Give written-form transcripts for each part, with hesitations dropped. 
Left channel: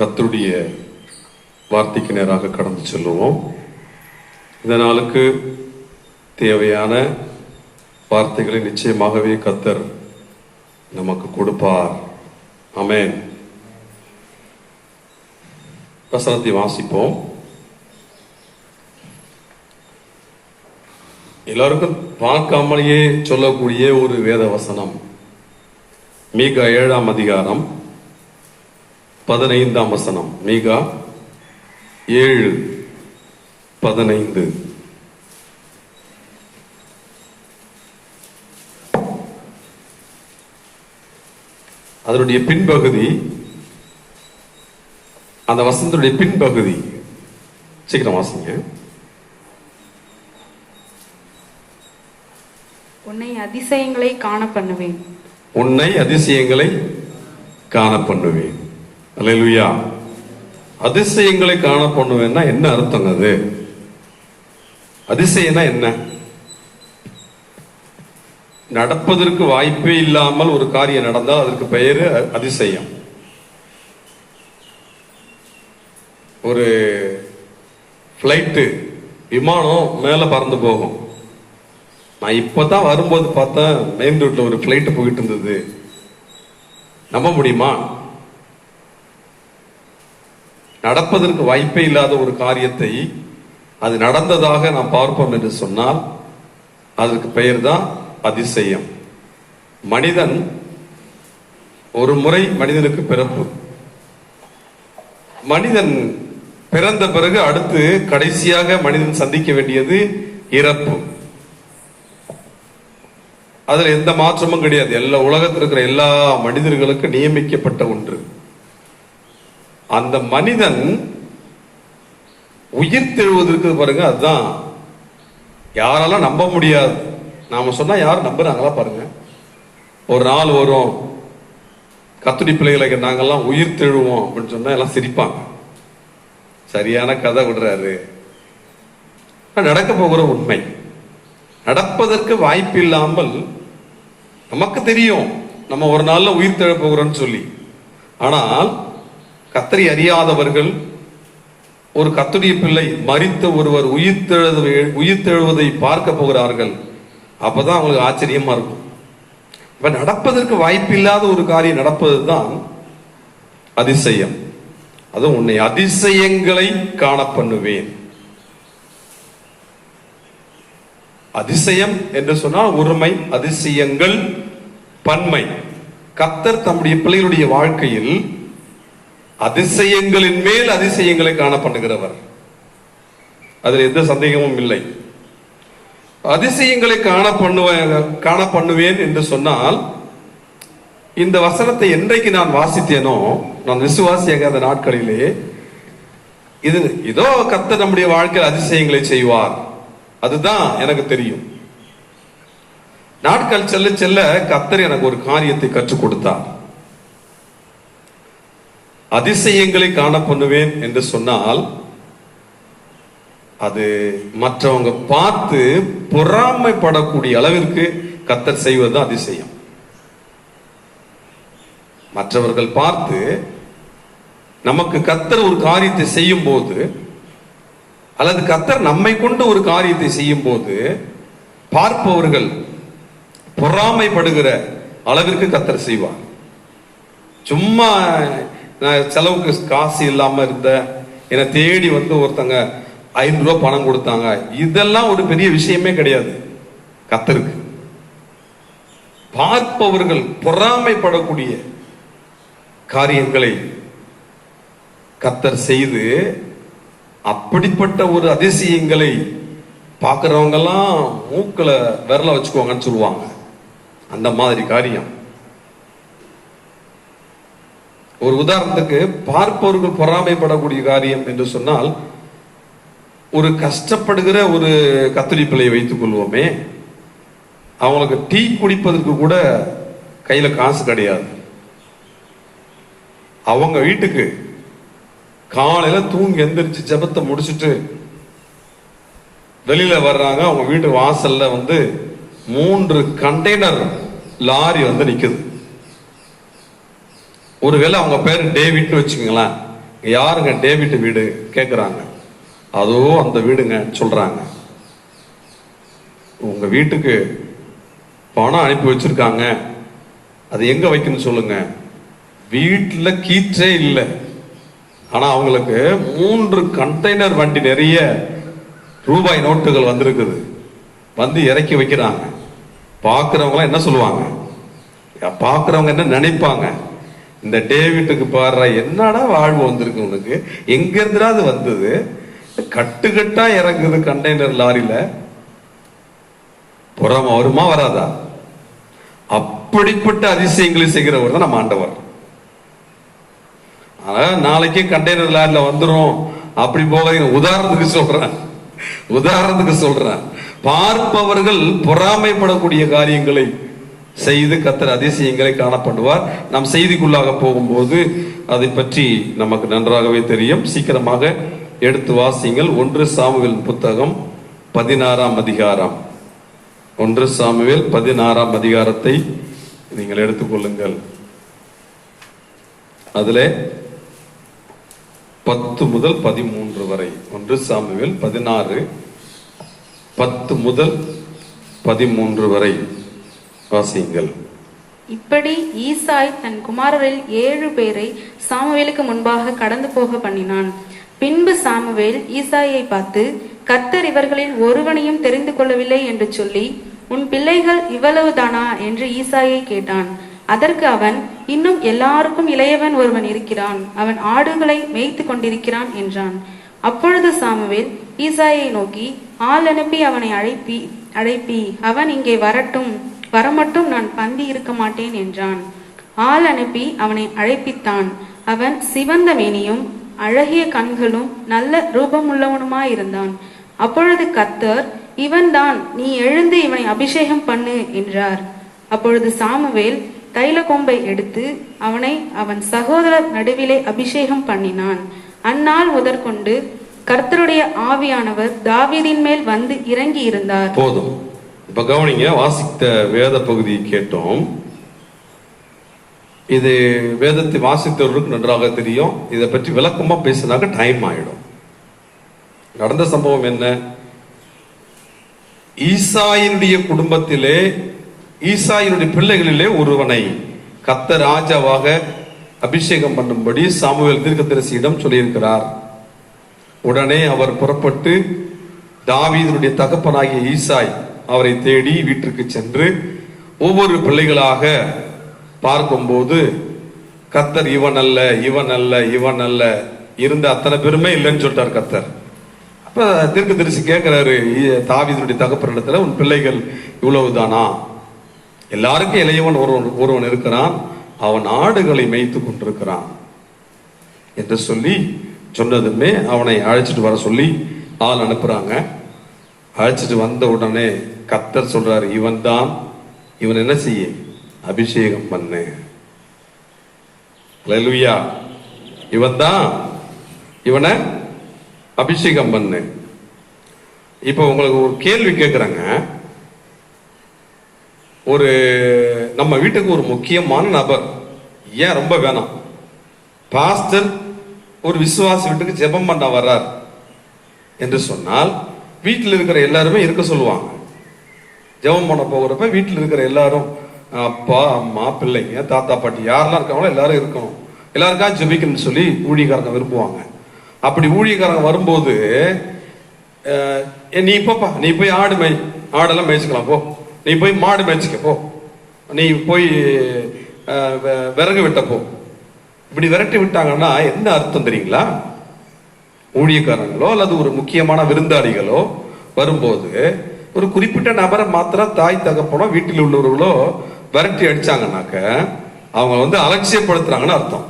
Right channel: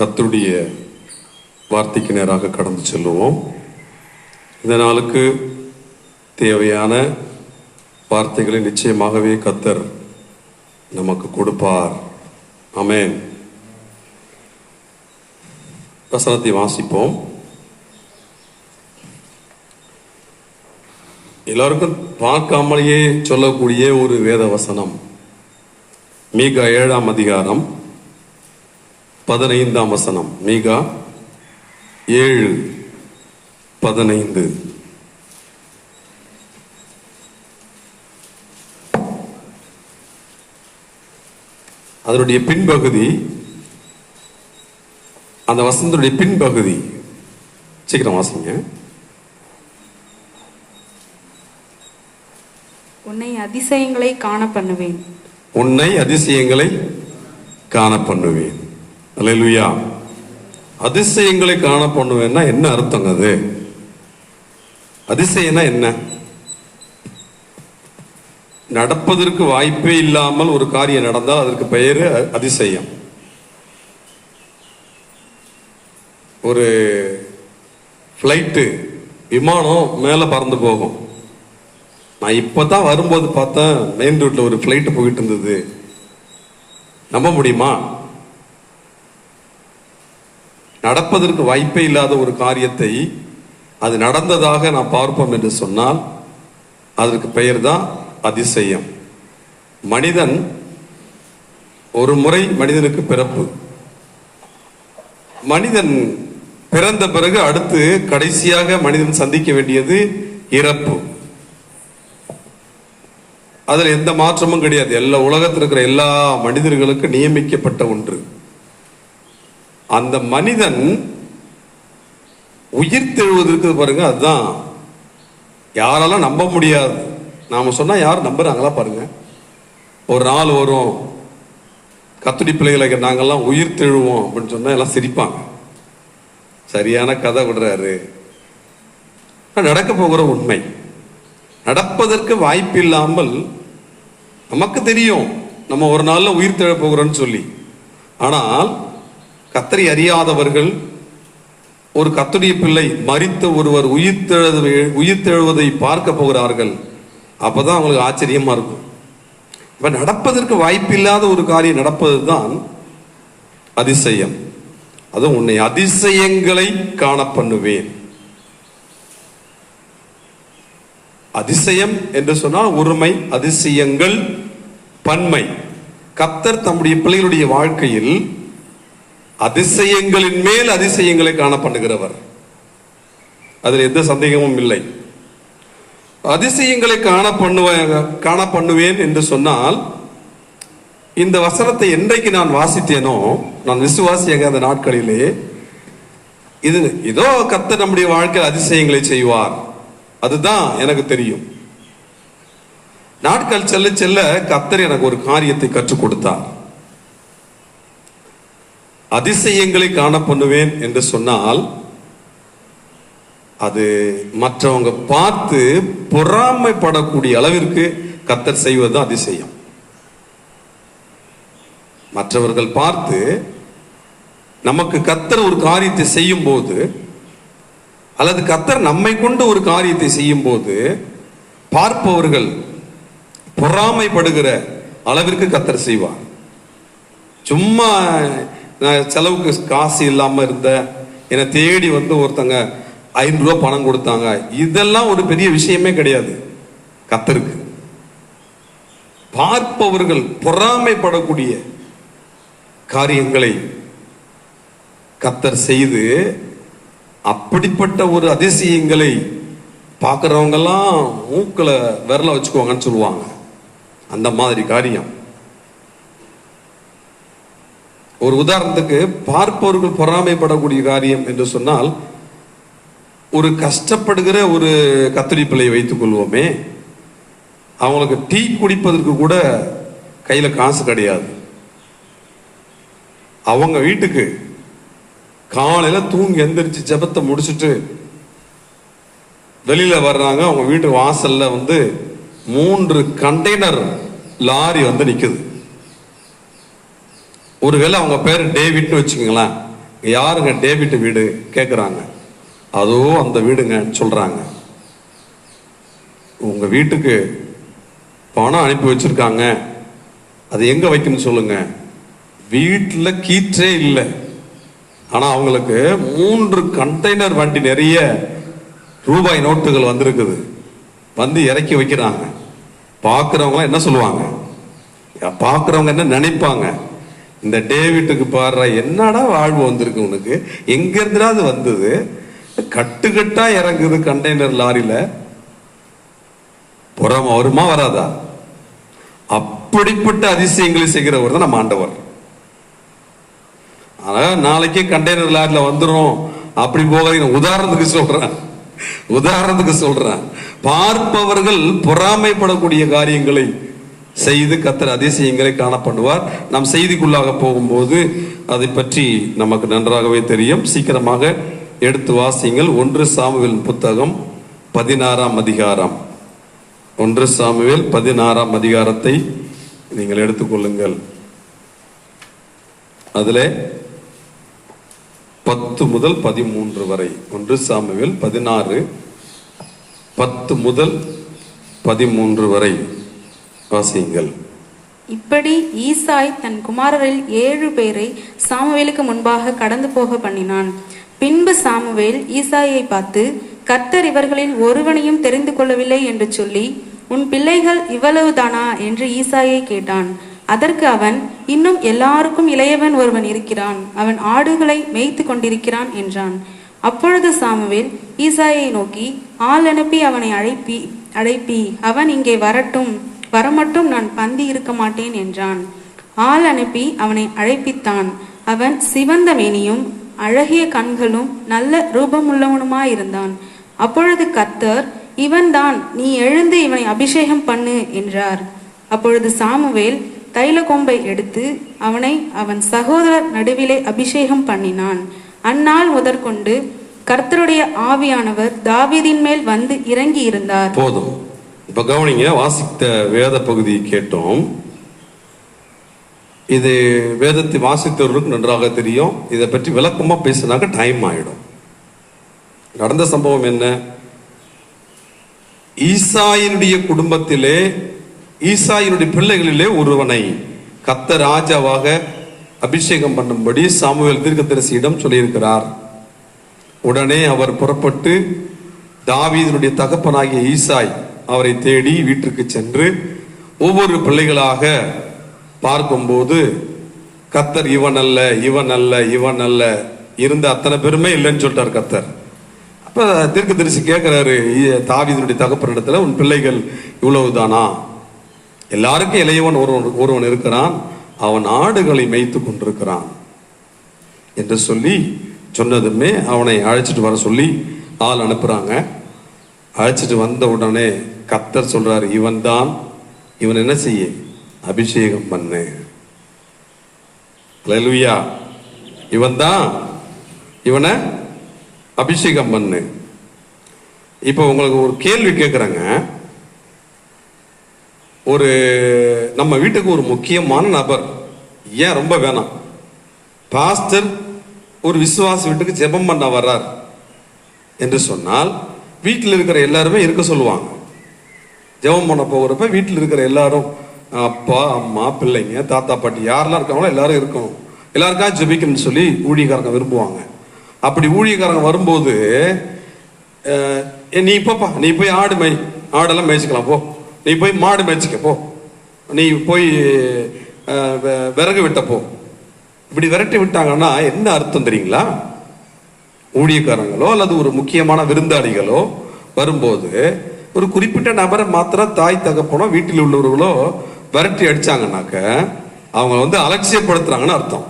கர்த்தருடைய வார்த்தைக்கு நேராக கடந்து செல்லுவோம். இந்த நாளுக்கு தேவையான வார்த்தைகளை நிச்சயமாகவே கர்த்தர் நமக்கு கொடுப்பார். ஆமென். வசனத்தை வாசிப்போம். எல்லாருக்கும் பார்க்காமலேயே சொல்லக்கூடிய ஒரு வேத வசனம். மீகா 7ஆம் அதிகாரம் 15ஆம் வசனம். மீகா 7:15. அதனுடைய பின்பகுதி, அந்த வசனத்துடைய பின்பகுதி சீக்கிரம் வாசிங்க. உன்னை அதிசயங்களை காண பண்ணுவேன். உன்னை அதிசயங்களை காண பண்ணுவேன். அல்லேலூயா. அதிசயங்களை காண பண்ணுவேன்னா என்ன அர்த்தம்? அது அதிசயம்னா என்ன? நடப்பதற்கு வாய்ப்பே இல்லாமல் ஒரு காரியம் நடந்தால் அதற்கு பெயரு அதிசயம். ஒரு ஃப்ளைட்டு, விமானம் மேல பறந்து போகும். நான் இப்பதான் வரும்போது பார்த்தேன், மெயின் ரோட்ல ஒரு ஃப்ளைட் போயிட்டு இருந்தது. நம்ப முடியுமா? நடப்பதற்கு வாய்ப்பே இல்லாத ஒரு காரியத்தை அது நடந்ததாக நாம் பார்ப்போம் என்று சொன்னால் அதற்கு பெயர் தான் அதிசயம். மனிதன் ஒரு முறை மனிதனுக்கு பிறப்பு. மனிதன் பிறந்த பிறகு அடுத்து கடைசியாக மனிதன் சந்திக்க வேண்டியது இறப்பு. அதுல எந்த மாற்றமும் கிடையாது. எல்லா உலகத்தில் இருக்கிற எல்லா மனிதர்களுக்கும் நியமிக்கப்பட்ட ஒன்று. அந்த மனிதன் உயிர் தெழுவதற்கு பாருங்க, அதுதான் யாராலும் நம்ப முடியாது. நாம சொன்னா யாரும் நம்புறாங்களா பாருங்க. ஒரு நாள் வரும், கத்துடி பிள்ளைகளை நாங்கெல்லாம் உயிர் தெழுவோம் அப்படின்னு சொன்னா எல்லாம் சிரிப்பாங்க. சரியான கதை விடுறாரு. நடக்க போகிற உண்மை. நடப்பதற்கு வாய்ப்பு இல்லாமல் நமக்கு தெரியும் நம்ம ஒரு நாள்ல உயிர் தெழ போகிறோம்னு சொல்லி. ஆனால் கர்த்தரை அறியாதவர்கள், ஒரு கர்த்தருடைய பிள்ளை மரித்த ஒருவர் உயிர் தெழுவதை பார்க்க போகிறார்கள். அப்பதான் அவங்களுக்கு ஆச்சரியமா இருக்கும். இப்ப நடப்பதற்கு வாய்ப்பு இல்லாத ஒரு காரியம் நடப்பதுதான் அதிசயம். அதுவும் உன்னை அதிசயங்களை காண பண்ணுவேன். அதிசயம் என்று சொன்னால் ஒருமை, அதிசயங்கள் பன்மை. கர்த்தர் தம்முடைய பிள்ளைகளுடைய வாழ்க்கையில் அதிசயங்களின் மேல் அதிசயங்களை காண பண்ணுகிறவர். அதில் எந்த சந்தேகமும் இல்லை. அதிசயங்களை காண பண்ணுவேன் என்று சொன்னால், இந்த வசனத்தை என்றைக்கு நான் வாசித்தேனோ, நான் விசுவாசியாக அந்த நாட்களிலே இதோ கர்த்தர் நம்முடைய வாழ்க்கையில் அதிசயங்களை செய்வார், அதுதான் எனக்கு தெரியும். நாட்கள் செல்ல செல்ல கர்த்தர் எனக்கு ஒரு காரியத்தை கற்றுக் கொடுத்தார். அதிசயங்களை காண பண்ணுவேன் என்று சொன்னால் அது மற்றவங்க பார்த்து பொறாமைப்படக்கூடிய அளவிற்கு கர்த்தர் செய்வது அதிசயம். மற்றவர்கள் பார்த்து நமக்கு கர்த்தர் ஒரு காரியத்தை செய்யும் போது, அல்லது கர்த்தர் நம்மை கொண்டு ஒரு காரியத்தை செய்யும் போது பார்ப்பவர்கள் பொறாமைப்படுகிற அளவிற்கு கர்த்தர் செய்வார். சும்மா செலவுக்கு காசு இல்லாம இருந்த என்னை தேடி வந்து ஒருத்தங்க 500 ரூபாய் பணம் கொடுத்தாங்க, இதெல்லாம் ஒரு பெரிய விஷயமே கிடையாது கர்த்தருக்கு. பார்ப்பவர்கள் பொறாமைப்படக்கூடிய காரியங்களை கர்த்தர் செய்து, அப்படிப்பட்ட ஒரு அதிசயங்களை பார்க்கிறவங்க எல்லாம் மூக்குல விரல வச்சுக்குவாங்கன்னு சொல்லுவாங்க. அந்த மாதிரி காரியம். ஒரு உதாரணத்துக்கு, பார்ப்பவர்கள் பொறாமைப்படக்கூடிய காரியம் என்று சொன்னால், ஒரு கஷ்டப்படுகிற ஒரு கத்திரி பிள்ளையை வைத்துக் கொள்வோமே, அவங்களுக்கு டீ குடிப்பதற்கு கூட கையில காசு கிடையாது. அவங்க வீட்டுக்கு காலையில தூங்கி எந்திரிச்சு ஜெபத்தை முடிச்சுட்டு வெளியில வர்றாங்க. அவங்க வீட்டு வாசல்ல வந்து 3 கண்டெய்னர் லாரி வந்து நிக்குது. ஒருவேளை அவங்க பேர் டேவிட்னு வச்சுக்கோங்களேன். யாருங்க டேவிட் வீடு கேட்குறாங்க. அதோ அந்த வீடுங்க சொல்றாங்க. உங்க வீட்டுக்கு பணம் அனுப்பி வச்சிருக்காங்க, அது எங்க வைக்கணும்னு சொல்லுங்க. வீட்டில் கீற்றே இல்லை, ஆனா அவங்களுக்கு 3 கண்டெய்னர் வண்டி நிறைய ரூபாய் நோட்டுகள் வந்திருக்குது. வந்து இறக்கி வைக்கிறாங்க. பார்க்குறவங்க என்ன சொல்லுவாங்க, பார்க்குறவங்க என்ன நினைப்பாங்க, இந்த டேவிட்டுக்கு பாடுற என்னடா வாழ்வு வந்திருக்கு உனக்கு, எங்க இருந்துடா அது வந்தது, கட்டுக்கட்டா இறங்குது கண்டெய்னர் லாரியில, புறம் வருமா வராதா? அப்படிப்பட்ட அதிசயங்களை செய்கிறவர் தான் நம்ம ஆண்டவர். நாளைக்கே கண்டெய்னர் லாரில வந்துடும் அப்படி போகாதீங்க. உதாரணத்துக்கு சொல்றேன். பார்ப்பவர்கள் பொறாமைப்படக்கூடிய காரியங்களை செய்து கர்த்தர் அதிசயங்களை காணப்படுவார். நாம் செய்திக்குள்ளாக போகும்போது அதை பற்றி நமக்கு நன்றாகவே தெரியும். சீக்கிரமாக எடுத்து வாசிங்கள். 1 சாமுவேல் புத்தகம் 16ஆம் அதிகாரம். 1 சாமுவேல் 16ஆம் அதிகாரத்தை நீங்கள் எடுத்துக்கொள்ளுங்கள். அதிலே 10 முதல் 13 வரை. 1 சாமுவேல் 16 10 முதல் 13 வரை வாசியுங்கள். இப்படி ஈசாய் தன் குமாரரில் 7 பேரை சாமுவேலுக்கு முன்பாக கடந்து போக பண்ணினான். பின்பு சாமுவேல் ஈசாயை பார்த்து, கர்த்தர் இவர்களில் ஒருவனையும் தெரிந்து கொள்ளவில்லை என்று சொல்லி, உன் பிள்ளைகள் இவ்வளவுதானா என்று ஈசாயை கேட்டான். அதற்கு அவன், இன்னும் எல்லாருக்கும் இளையவன் ஒருவன் இருக்கிறான், அவன் ஆடுகளை மேய்த்து கொண்டிருக்கிறான் என்றான். அப்பொழுது சாமுவேல் ஈசாயை நோக்கி, ஆள் அனுப்பி அவனை அழைப்பி அவன் இங்கே வரமட்டும் நான் பந்தி இருக்க மாட்டேன் என்றான். ஆள் அனுப்பி அவனை அழைப்பித்தான். அவன் சிவந்த மேனியும் அழகிய கண்களும் நல்ல ரூபமுள்ளவனுமாயிருந்தான். அப்பொழுது கர்த்தர், இவன்தான், நீ எழுந்து இவனை அபிஷேகம் பண்ணு என்றார். அப்பொழுது சாமுவேல் தைல கொம்பை எடுத்து அவனை அவன் சகோதரர் நடுவிலே அபிஷேகம் பண்ணினான். அந்நாள் முதற்கொண்டு கர்த்தருடைய ஆவியானவர் தாவீதின் மேல் வந்து இறங்கி இருந்தார். போதும். இப்ப கவனிங்க, வாசித்த வேத பகுதியை கேட்டோம். இது வேதத்தை வாசித்தவர்களுக்கு நன்றாக தெரியும். இதை பற்றி விளக்கமா பேசினாக்க டைம் ஆயிடும். நடந்த சம்பவம் என்ன? ஈசாயினுடைய குடும்பத்திலே, ஈசாயினுடைய பிள்ளைகளிலே ஒருவனை கர்த்தர் ராஜாவாக அபிஷேகம் பண்ணும்படி சாமுவேல் தீர்க்கதரிசியிடம் சொல்லியிருக்கிறார். உடனே அவர் புறப்பட்டு தாவீதினுடைய தகப்பனாகிய ஈசாய் அவரை தேடி வீட்டிற்கு சென்று ஒவ்வொரு பிள்ளைகளாக பார்க்கும்போது கர்த்தர் இவன் அல்ல, இவன் அல்ல, இவன் அல்ல, இருந்த அத்தனை பேருமே இல்லைன்னு சொல்லிட்டார் கர்த்தர். அப்ப தீர்க்கதரிசி கேட்கிறாரு தாவீதினுடைய தகப்பனிடத்துல, உன் பிள்ளைகள் இவ்வளவுதானா? எல்லாருக்கும் இளையவன் ஒருவன் இருக்கிறான், அவன் ஆடுகளை மேய்த்து கொண்டிருக்கிறான் என்று சொல்லி சொன்னதுமே அவனை அழைச்சிட்டு வர சொல்லி ஆள் அனுப்புறாங்க. அழைச்சிட்டு வந்த உடனே கர்த்தர் சொல்றாரு, இவன் தான், இவன் என்ன செய்ய, அபிஷேகம் பண்ணு. அல்லேலூயா. இவன் தான், இவனை அபிஷேகம் பண்ணு. இப்ப உங்களுக்கு ஒரு கேள்வி கேட்கிறேங்க. ஒரு நம்ம வீட்டுக்கு ஒரு முக்கியமான நபர், ஏன் ரொம்ப வேணாம், பாஸ்டர் ஒரு விசுவாசி வீட்டுக்கு ஜெபம் பண்ண வர்றார் என்று சொன்னால் வீட்டில் இருக்கிற எல்லாருமே இருக்க சொல்லுவாங்க. ஜெபம் பண்ண போகிறப்ப வீட்டில் இருக்கிற எல்லாரும், அப்பா அம்மா பிள்ளைங்க தாத்தா பாட்டி யாரெல்லாம் இருக்காங்களோ எல்லாரும் இருக்கணும், எல்லாருக்காக ஜெபிக்கணும்னு சொல்லி ஊழியக்காரங்க விரும்புவாங்க. அப்படி ஊழியக்காரங்க வரும்போது, நீ இப்பப்பா நீ போய் ஆடெல்லாம் மேய்ச்சிக்கலாம் போ, நீ போய் மாடு மேய்ச்சிக்க போ, நீ போய் விறகு விட்ட போ, இப்படி விரட்டி விட்டாங்கன்னா என்ன அர்த்தம் தெரியுங்களா? ஊழியக்காரங்களோ அல்லது ஒரு முக்கியமான விருந்தாளிகளோ வரும்போது ஒரு குறிப்பிட்ட நபரை மாத்திரம் தாய் தகப்பனோ வீட்டில் உள்ளவர்களோ விரட்டி அடிச்சாங்கன்னாக்க அவங்க அலட்சியப்படுத்துறாங்கன்னு அர்த்தம்.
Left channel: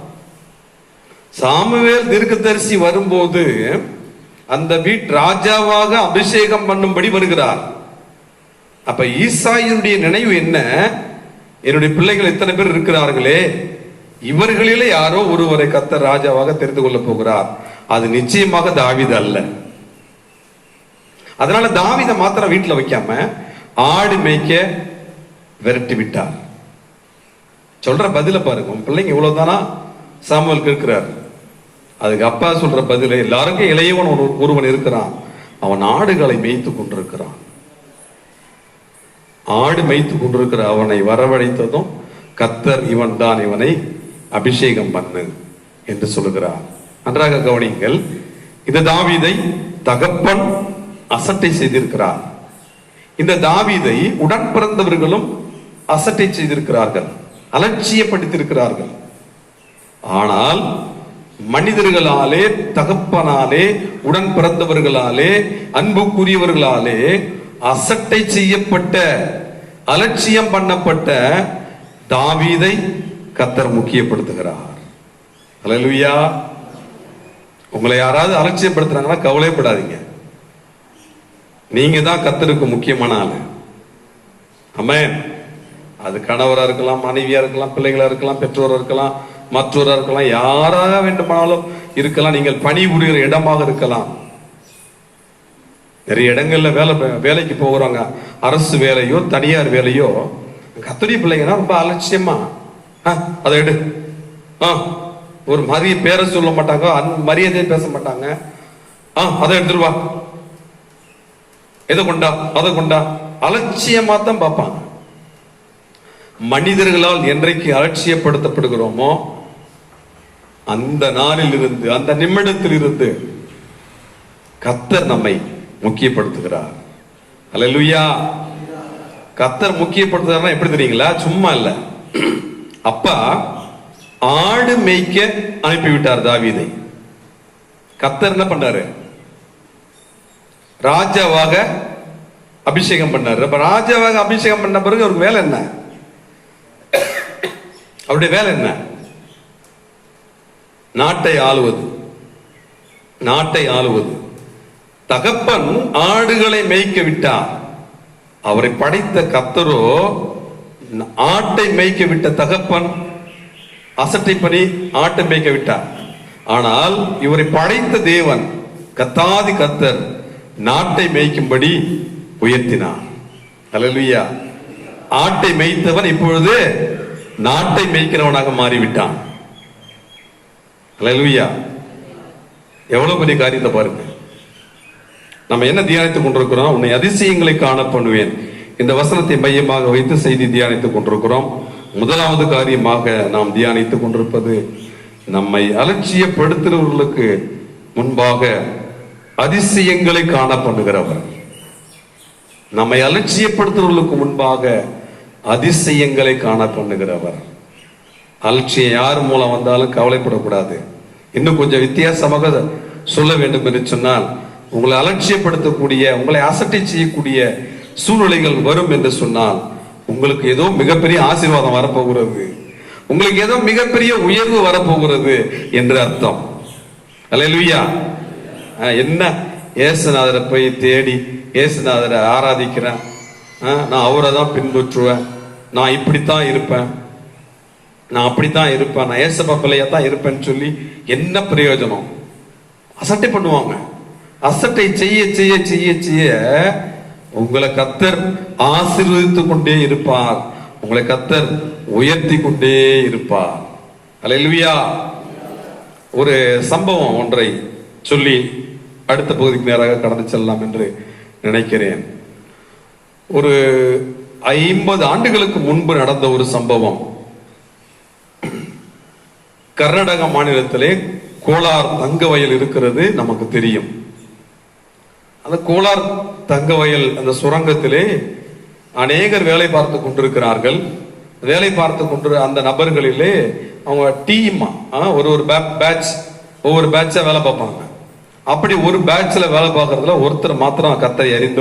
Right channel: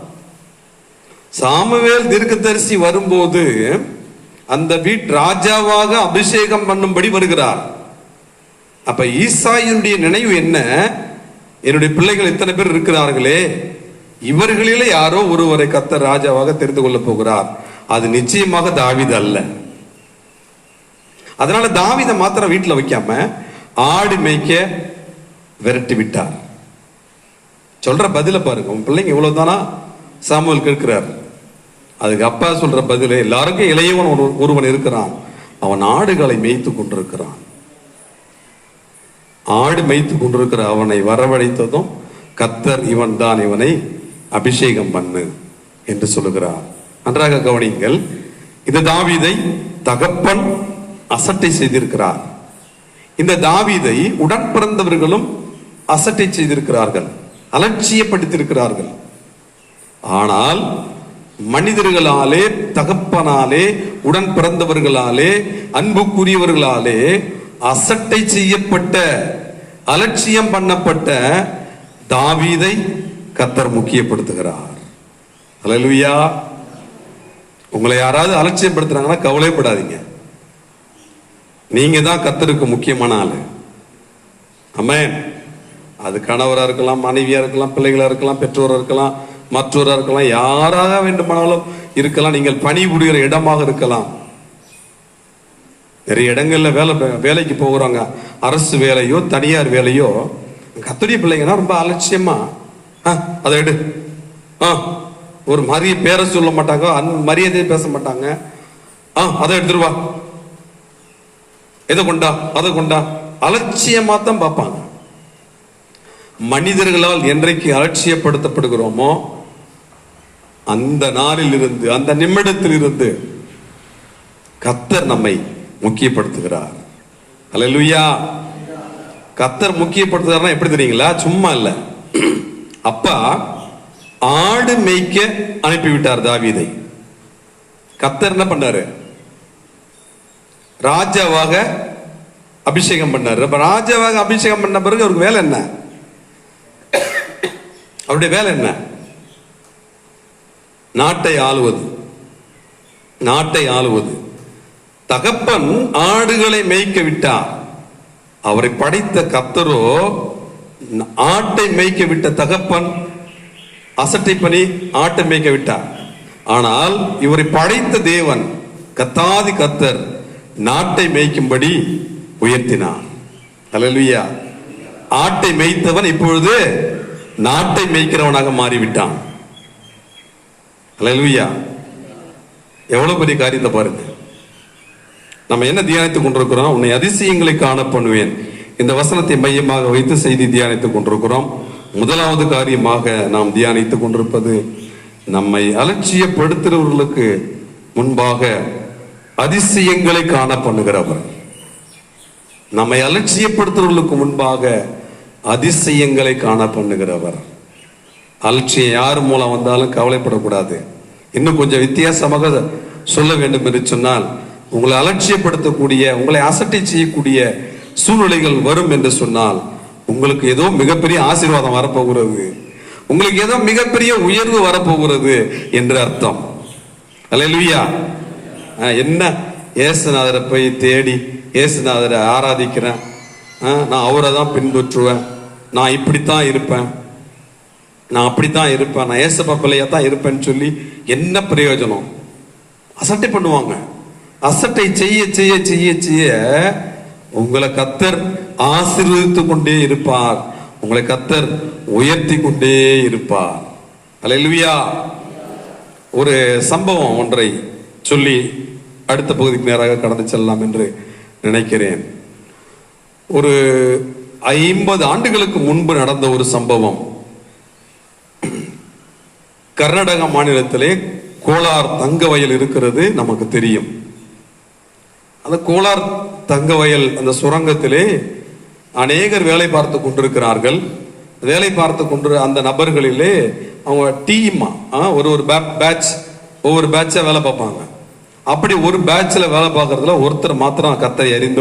சாமுவேல் தீர்க்கதரிசி வரும்போது அந்த வீட்டு ராஜாவாக அபிஷேகம் பண்ணும்படி வருகிறார். அப்ப ஈசாயினுடைய நினைவு என்ன? என்னுடைய பிள்ளைகள் இத்தனை பேர் இருக்கிறார்களே, இவர்களிலே யாரோ ஒருவரை கர்த்தர் ராஜாவாக தெரிந்து கொள்ள போகிறார். அது நிச்சயமாக தாவீது அல்ல. அதனால தாவீதை மாத்திரம் வீட்டுல வைக்காம ஆடு மேய்க்க விரட்டி விட்டார். சொல்ற பதில பாருங்க. உன் பிள்ளைங்க இவ்வளவுதானா? சாமுவேல் கேட்கிறார். அதுக்கு அப்பா சொல்ற பதில், எல்லாருக்கும் இளையவன் ஒருவன் இருக்கிறான், அவன் ஆடுகளை மேய்த்து கொண்டிருக்கிறான். ஆடு மேய்த்து கொண்டிருக்கிற அவனை வரவழைத்ததும் கர்த்தர் இவன் தான், இவனை அபிஷேகம் பண்ணு என்று சொல்லுகிறார். நன்றாக கவனிங்கள். இந்த தாவீதை தகப்பன் அசட்டை செய்திருக்கிறார். இந்த தாவீதை உடன் பிறந்தவர்களும் அசட்டை செய்திருக்கிறார்கள், அலட்சியப்படுத்தியிருக்கிறார்கள். ஆனால் மனிதர்களாலே, தகப்பனாலே, உடன் பிறந்தவர்களாலே, அன்புக்குரியவர்களாலே அசட்டை செய்யப்பட்ட, அலட்சியம் பண்ணப்பட்ட தாவீதை கர்த்தர் முக்கியப்படுத்துகிறார். அல்லேலூயா. உங்களை யாராவது அலட்சியப்படுத்துறாங்கன்னா கவலைப்படாதீங்க, நீங்க தான் கர்த்தருக்கு முக்கியமான ஆளு. ஆமென். அது கணவரா இருக்கலாம், மனைவியா இருக்கலாம், பிள்ளைகளா இருக்கலாம், பெற்றோரா இருக்கலாம், மற்றவரா இருக்கலாம், யாராக வேண்டுமானாலும் இருக்கலாம். நீங்கள் பணிபுரிகிற இடமாக இருக்கலாம். நிறைய இடங்கள்ல வேலைக்கு போகிறாங்க, அரசு வேலையோ தனியார் வேலையோ. கர்த்தருடைய பிள்ளைங்கன்னா ரொம்ப அலட்சியமா, அதை எடு, ஒரு மரிய பேரை சொல்ல மாட்டாங்க, மரியாதையை பேச மாட்டாங்க. அதை எடுத்துருவா, எதை கொண்டா, அதை கொண்டா, அலட்சியமா தான் பார்ப்பாங்க. மனிதர்களால் என்றைக்கு அலட்சியப்படுத்தப்படுகிறோமோ அந்த நாளில் இருந்து, அந்த நிமிடத்தில் இருந்து கர்த்தர் நம்மை முக்கியப்படுத்துகிறார். அல்லேலூயா. கர்த்தர் முக்கியப்படுத்துறாருன்னா எப்படி தெரியுங்களா? சும்மா இல்ல. அப்பா ஆடு மேய்க்க அனுப்பிவிட்டார் தாவீதை. கர்த்தர் என்ன பண்ணாரு? ராஜாவாக அபிஷேகம் பண்ணாரு. ராஜாவாக அபிஷேகம் பண்ண பிறகு அவருக்கு வேலை என்ன? அவருடைய வேலை என்ன? நாட்டை ஆளுவது, நாட்டை ஆளுவது. தகப்பன் ஆடுகளை மேய்க்க விட்டார். அவரை படைத்த கர்த்தரோ ஆட்டை மேய்க்க விட்ட தகப்பன் அசட்டை பண்ணி ஆட்டை மேய்க்க விட்டார். ஆனால் இவரை படைத்த தேவன் கர்த்தாதி கர்த்தர் நாட்டை மேய்க்கும்படி உயர்த்தினார். அல்லேலூயா. ஆட்டை மேய்த்தவன் இப்பொழுது நாட்டை மேய்க்கிறவனாக மாறிவிட்டான். அல்லேலூயா. எவ்வளவு பெரிய காரியத்தை பாருங்க. நம்ம என்ன தியானித்துக் கொண்டிருக்கிறோம்? உன்னை அதிசயங்களை காண பண்ணுவேன். இந்த வசனத்தை மையமாக வைத்து செய்தி தியானித்துக் கொண்டிருக்கிறோம். முதலாவது காரியமாக நாம் தியானித்துக் கொண்டிருப்பது, நம்மை அலட்சியப்படுத்துகிறவர்களுக்கு முன்பாக அதிசயங்களை காண பண்ணுகிறவர். நம்மை அலட்சியப்படுத்துகிறவர்களுக்கு முன்பாக அதிசயங்களை காண பண்ணுகிறவர். அலட்சியம் யார் மூலம் வந்தாலும் கவலைப்படக்கூடாது. இன்னும் கொஞ்சம் வித்தியாசமாக சொல்ல வேண்டும் என்று சொன்னால், உங்களை அலட்சியப்படுத்தக்கூடிய, உங்களை அசட்டை செய்யக்கூடிய சூழ்நிலைகள் வரும் என்று சொன்னால், உங்களுக்கு ஏதோ மிகப்பெரிய ஆசீர்வாதம் வரப்போகிறது, உங்களுக்கு ஏதோ மிகப்பெரிய உயர்வு வரப்போகிறது என்று அர்த்தம். அல்லேலூயா. என்ன இயேசுநாதரை போய் தேடி இயேசுநாதரை ஆராதிக்கிறேன், நான் அவரை தான் பின்பற்றுவேன், நான் இப்படித்தான் இருப்பேன், நான் அப்படித்தான் இருப்பேன், நான் ஏசப்பா பிள்ளையா தான் இருப்பேன்னு சொல்லி என்ன பிரயோஜனம்? அசட்டை பண்ணுவாங்க. அசட்டை செய்ய செய்ய செய்ய செய்ய உங்களை கர்த்தர் ஆசீர்வதித்துக் கொண்டே இருப்பார், உங்களை கர்த்தர் உயர்த்தி கொண்டே இருப்பார். அல்லேலூயா. ஒரு சம்பவம் ஒன்றை சொல்லி அடுத்த பகுதிக்கு நேராக கடந்து செல்லலாம் என்று நினைக்கிறேன். ஒரு 50 ஆண்டுகளுக்கு முன்பு நடந்த ஒரு சம்பவம். கர்நாடக மாநிலத்திலே கோலார் தங்க வயல் இருக்கிறது, நமக்கு தெரியும். அந்த கோலார் தங்க வயல், அந்த சுரங்கத்திலே அநேகர் வேலை பார்த்து கொண்டிருக்கிறார்கள். வேலை பார்த்து கொண்டு அந்த நபர்களிலே அவங்க டீமா ஒரு பேட்ச், ஒவ்வொரு பேட்சா வேலை பார்ப்பாங்க. அப்படி ஒரு பேட்ச்ல வேலை பார்க்கறதுல ஒருத்தர் மாத்திரம் கர்த்தரை அறிந்த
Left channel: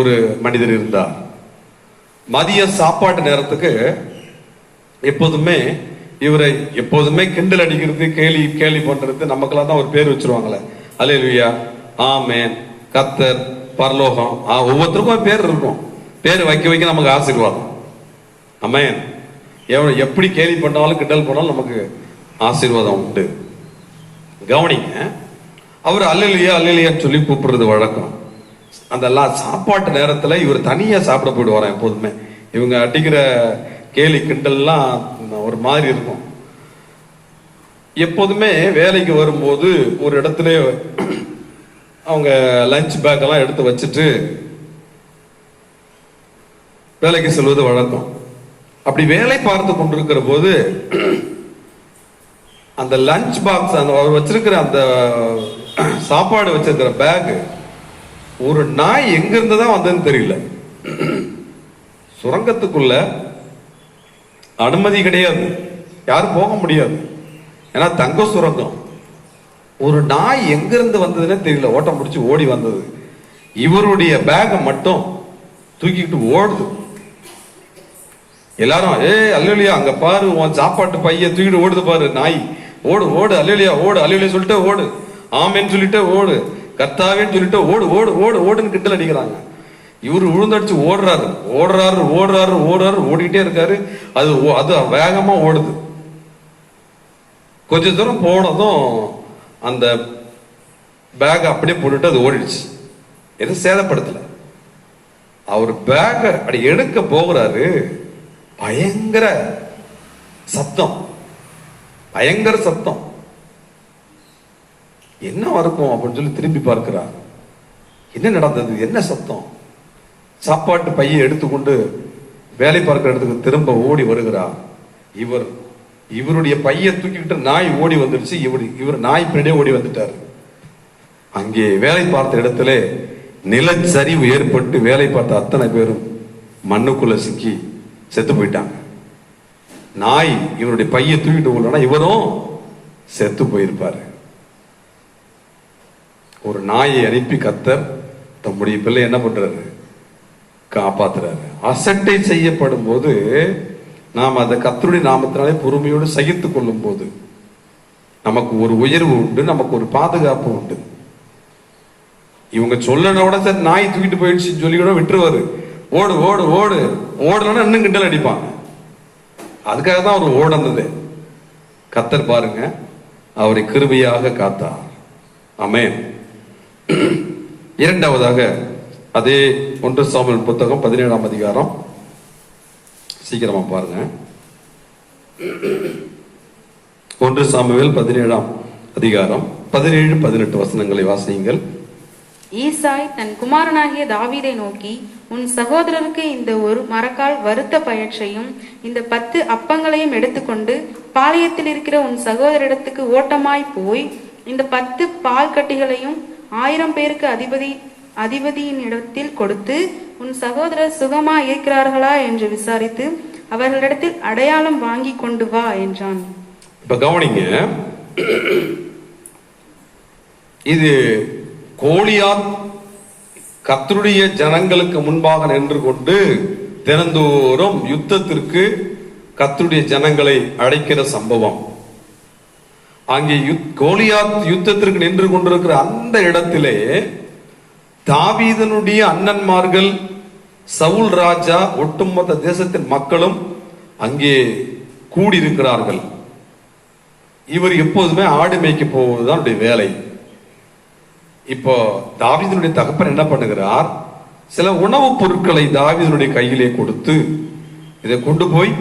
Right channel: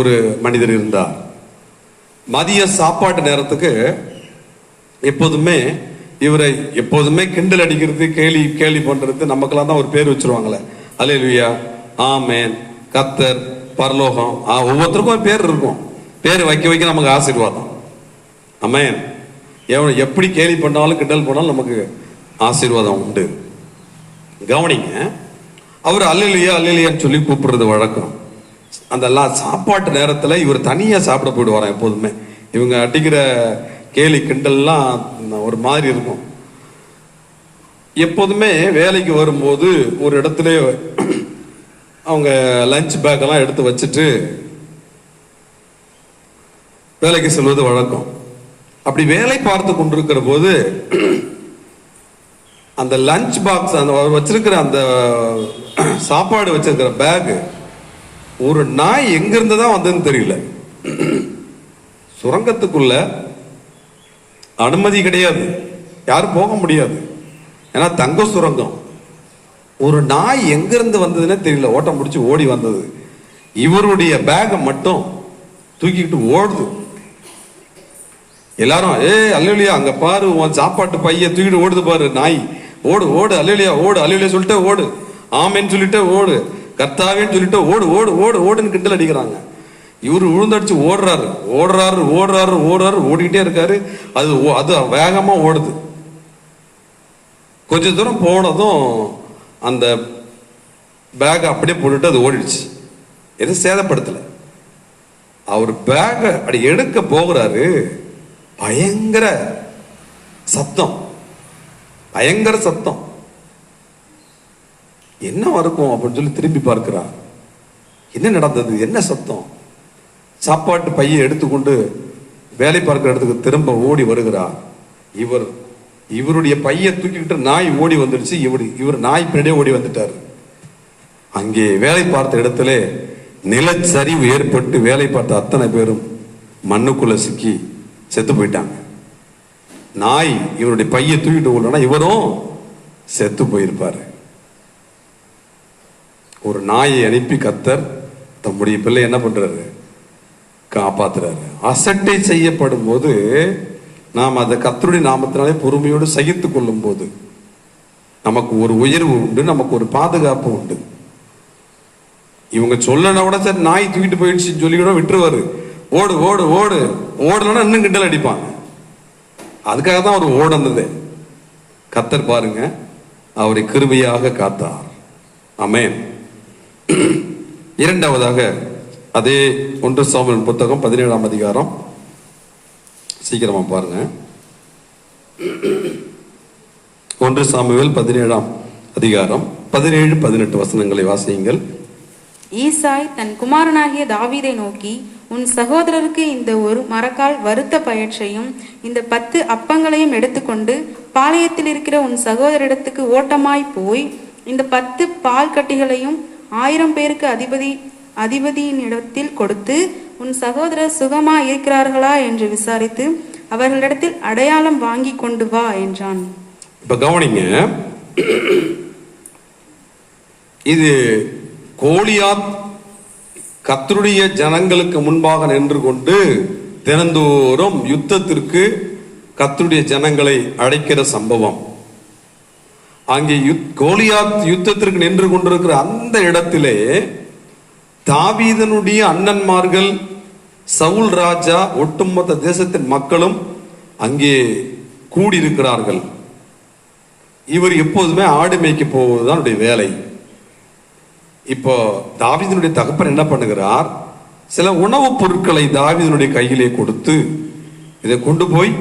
ஒரு மனிதர் இருந்தார். மதிய சாப்பாட்டு நேரத்துக்கு எப்போதுமே இவரை கிண்டல் அடிக்கிறது, கேலி பண்றது, நமக்கெல்லாம் தான் ஒரு பேர் வச்சிருவாங்களே, அல்லேலூயா, ஆமென், கர்த்தர், பரலோகம், ஒவ்வொருத்தருக்கும் ஒரு பேர் இருக்கும். பேர் வைக்க நமக்கு ஆசீர்வாதம். ஆமென். எப்படி கேலி பண்ணாலும் கிண்டல் பண்ணாலும் நமக்கு ஆசீர்வாதம் உண்டு. கவனிங்க, அவர் அல்லேலூயா அல்லேலூயான்னு சொல்லி கூப்பிடுறது வழக்கம். அந்த சாப்பாட்டு நேரத்துல இவர் தனியா சாப்பிட போயிடுவாராம். எப்போதுமே இவங்க அடிக்கிற கேலி கிண்டல்லாம் ஒரு மாதிரி இருக்கும். எப்போதுமே வேலைக்கு வரும்போது ஒரு இடத்துல அவங்க லஞ்ச் பேக் எல்லாம் எடுத்து வச்சுட்டு வேலைக்கு செல்வது வழக்கம். அப்படி வேலை பார்த்து கொண்டிருக்கிற போது அந்த லஞ்ச் பாக்ஸ் அந்த வச்சிருக்கிற அந்த சாப்பாடு வச்சிருக்கிற பேக் ஒரு நாய் எங்க இருந்து தான் வந்ததுன்னு தெரியல. சுரங்கத்துக்குள்ள அனுமதி கிடையாது, யாரும் போக முடியாது, ஏன்னா தங்க சுரங்கம். ஒரு நாய் எங்கிருந்து வந்ததுன்னே தெரியல, ஓட்டம் முடிச்சு ஓடி வந்தது. இவருடைய பேகை மட்டும் தூக்கிட்டு ஓடுது. எல்லாரும் அல்லையா அங்க பாரு, உன் சாப்பாட்டு பைய தூக்கிட்டு ஓடுது பாரு நாய், ஓடு ஓடு அல்லையா ஓடு அல்லையா சொல்லிட்டே ஓடு, ஆமேன்னு சொல்லிட்டே ஓடு, கர்த்தாவேன்னு சொல்லிட்டு ஓடு ஓடு ஓடு ஓடுன்னு கிண்டல் அடிக்கிறாங்க. இவரு உழுந்தடிச்சு ஓடுறாரு ஓடுறாரு ஓடுறாரு ஓடுறாரு ஓடிக்கிட்டே இருக்காரு. அது வேகமா ஓடுது. கொஞ்ச தூரம் போனதும் அந்த பேக் அப்படியே போட்டுட்டு அது ஓடிடுச்சு. எதுவும் சேதப்படுத்தல. அவர் பேக அப்படி எடுக்க போகிறாரு, பயங்கர சத்தம், பயங்கர சத்தம். என்ன இருக்கும் அப்படின்னு சொல்லி திரும்பி பார்க்கிறார். என்ன நடந்தது, என்ன சத்தம்? சாப்பாட்டு பையை எடுத்துக்கொண்டு வேலை பார்க்கிற இடத்துக்கு திரும்ப ஓடி வருகிறார். இவருடைய பையை தூக்கிக்கிட்டு நாய் ஓடி வந்துடுச்சு. இவர் நாய் பின்னாடியே ஓடி வந்துட்டார். அங்கே வேலை பார்த்த இடத்துல நிலச்சரிவு ஏற்பட்டு வேலை பார்த்த அத்தனை பேரும் மண்ணுக்குள்ள சிக்கி செத்து போயிட்டாங்க. நாய் இவருடைய பையை தூக்கிட்டு ஓடனா இவரும் செத்து போயிருப்பாரு. ஒரு நாயை அனுப்பி கர்த்தர் தம்முடைய பிள்ளை என்ன பண்றாரு, காப்பாத்துறாரு. அசட்டை செய்யப்படும் போது நாம் அதை கர்த்தருடைய நாமத்தினாலே பொறுமையோடு சகித்துக் கொள்ளும் போது நமக்கு ஒரு உயர்வு உண்டு, நமக்கு ஒரு பாதுகாப்பு உண்டு. இவங்க சொல்லன விட சரி நாய் தூக்கிட்டு போயிடுச்சு சொல்லி கூட விட்டுருவாரு. ஓடு ஓடு ஓடு ஓடலன்னா இன்னும் கிண்டல் அடிப்பாங்க. அதுக்காக தான் அவர் ஓடனது. கர்த்தர் பாருங்க, அவரை கிருபையாக காத்தார். ஆமென். இரண்டாவதாக அதே 1 சாமுவேல் புத்தகம் 17ஆம் அதிகாரம், சீக்கிரமா பாருங்க. 1 சாமுவேல் 17ஆம் அதிகாரம் 17-18 வசனங்களை வாசியுங்கள். ஈசாய் தன் குமாரனாகிய தாவீதை நோக்கி, உன் சகோதரருக்கு இந்த ஒரு மரக்கால் வறுத்த பயற்றையும் இந்த 10 அப்பங்களையும் எடுத்துக்கொண்டு பாளையத்தில் இருக்கிற உன் சகோதரிடத்துக்கு ஓட்டமாய் போய் இந்த 10 பால் கட்டிகளையும் 1000 பேருக்கு அதிபதியினிடத்தில் கொடுத்து உன் சகோதரர் சுகமா இருக்கிறார்களா என்று விசாரித்து அவர்களிடத்தில் அடையாளம் வாங்கி கொண்டு வா என்றான். இப்ப கவனிங்க, இது கோலியாத் கர்த்தருடைய ஜனங்களுக்கு முன்பாக நின்று கொண்டு தினந்தோறும் யுத்தத்திற்கு கர்த்தருடைய ஜனங்களை அழைக்கிற சம்பவம். அங்கே கோலியாத் யுத்தத்திற்கு நின்று கொண்டிருக்கிற அந்த இடத்திலே தாவீதனுடைய அண்ணன்மார்கள், சவுல் ராஜா, ஒட்டுமொத்த தேசத்தின் மக்களும் அங்கே கூடியிருக்கிறார்கள். இவர் எப்போதுமே ஆடு மேய்க்க போவதுதான் வேலை. இப்போ தாவீதனுடைய தகப்பன் என்ன பண்ணுகிறார், சில உணவுப் பொருட்களை தாவீதனுடைய கையிலே கொடுத்து, இதை கொண்டு போய்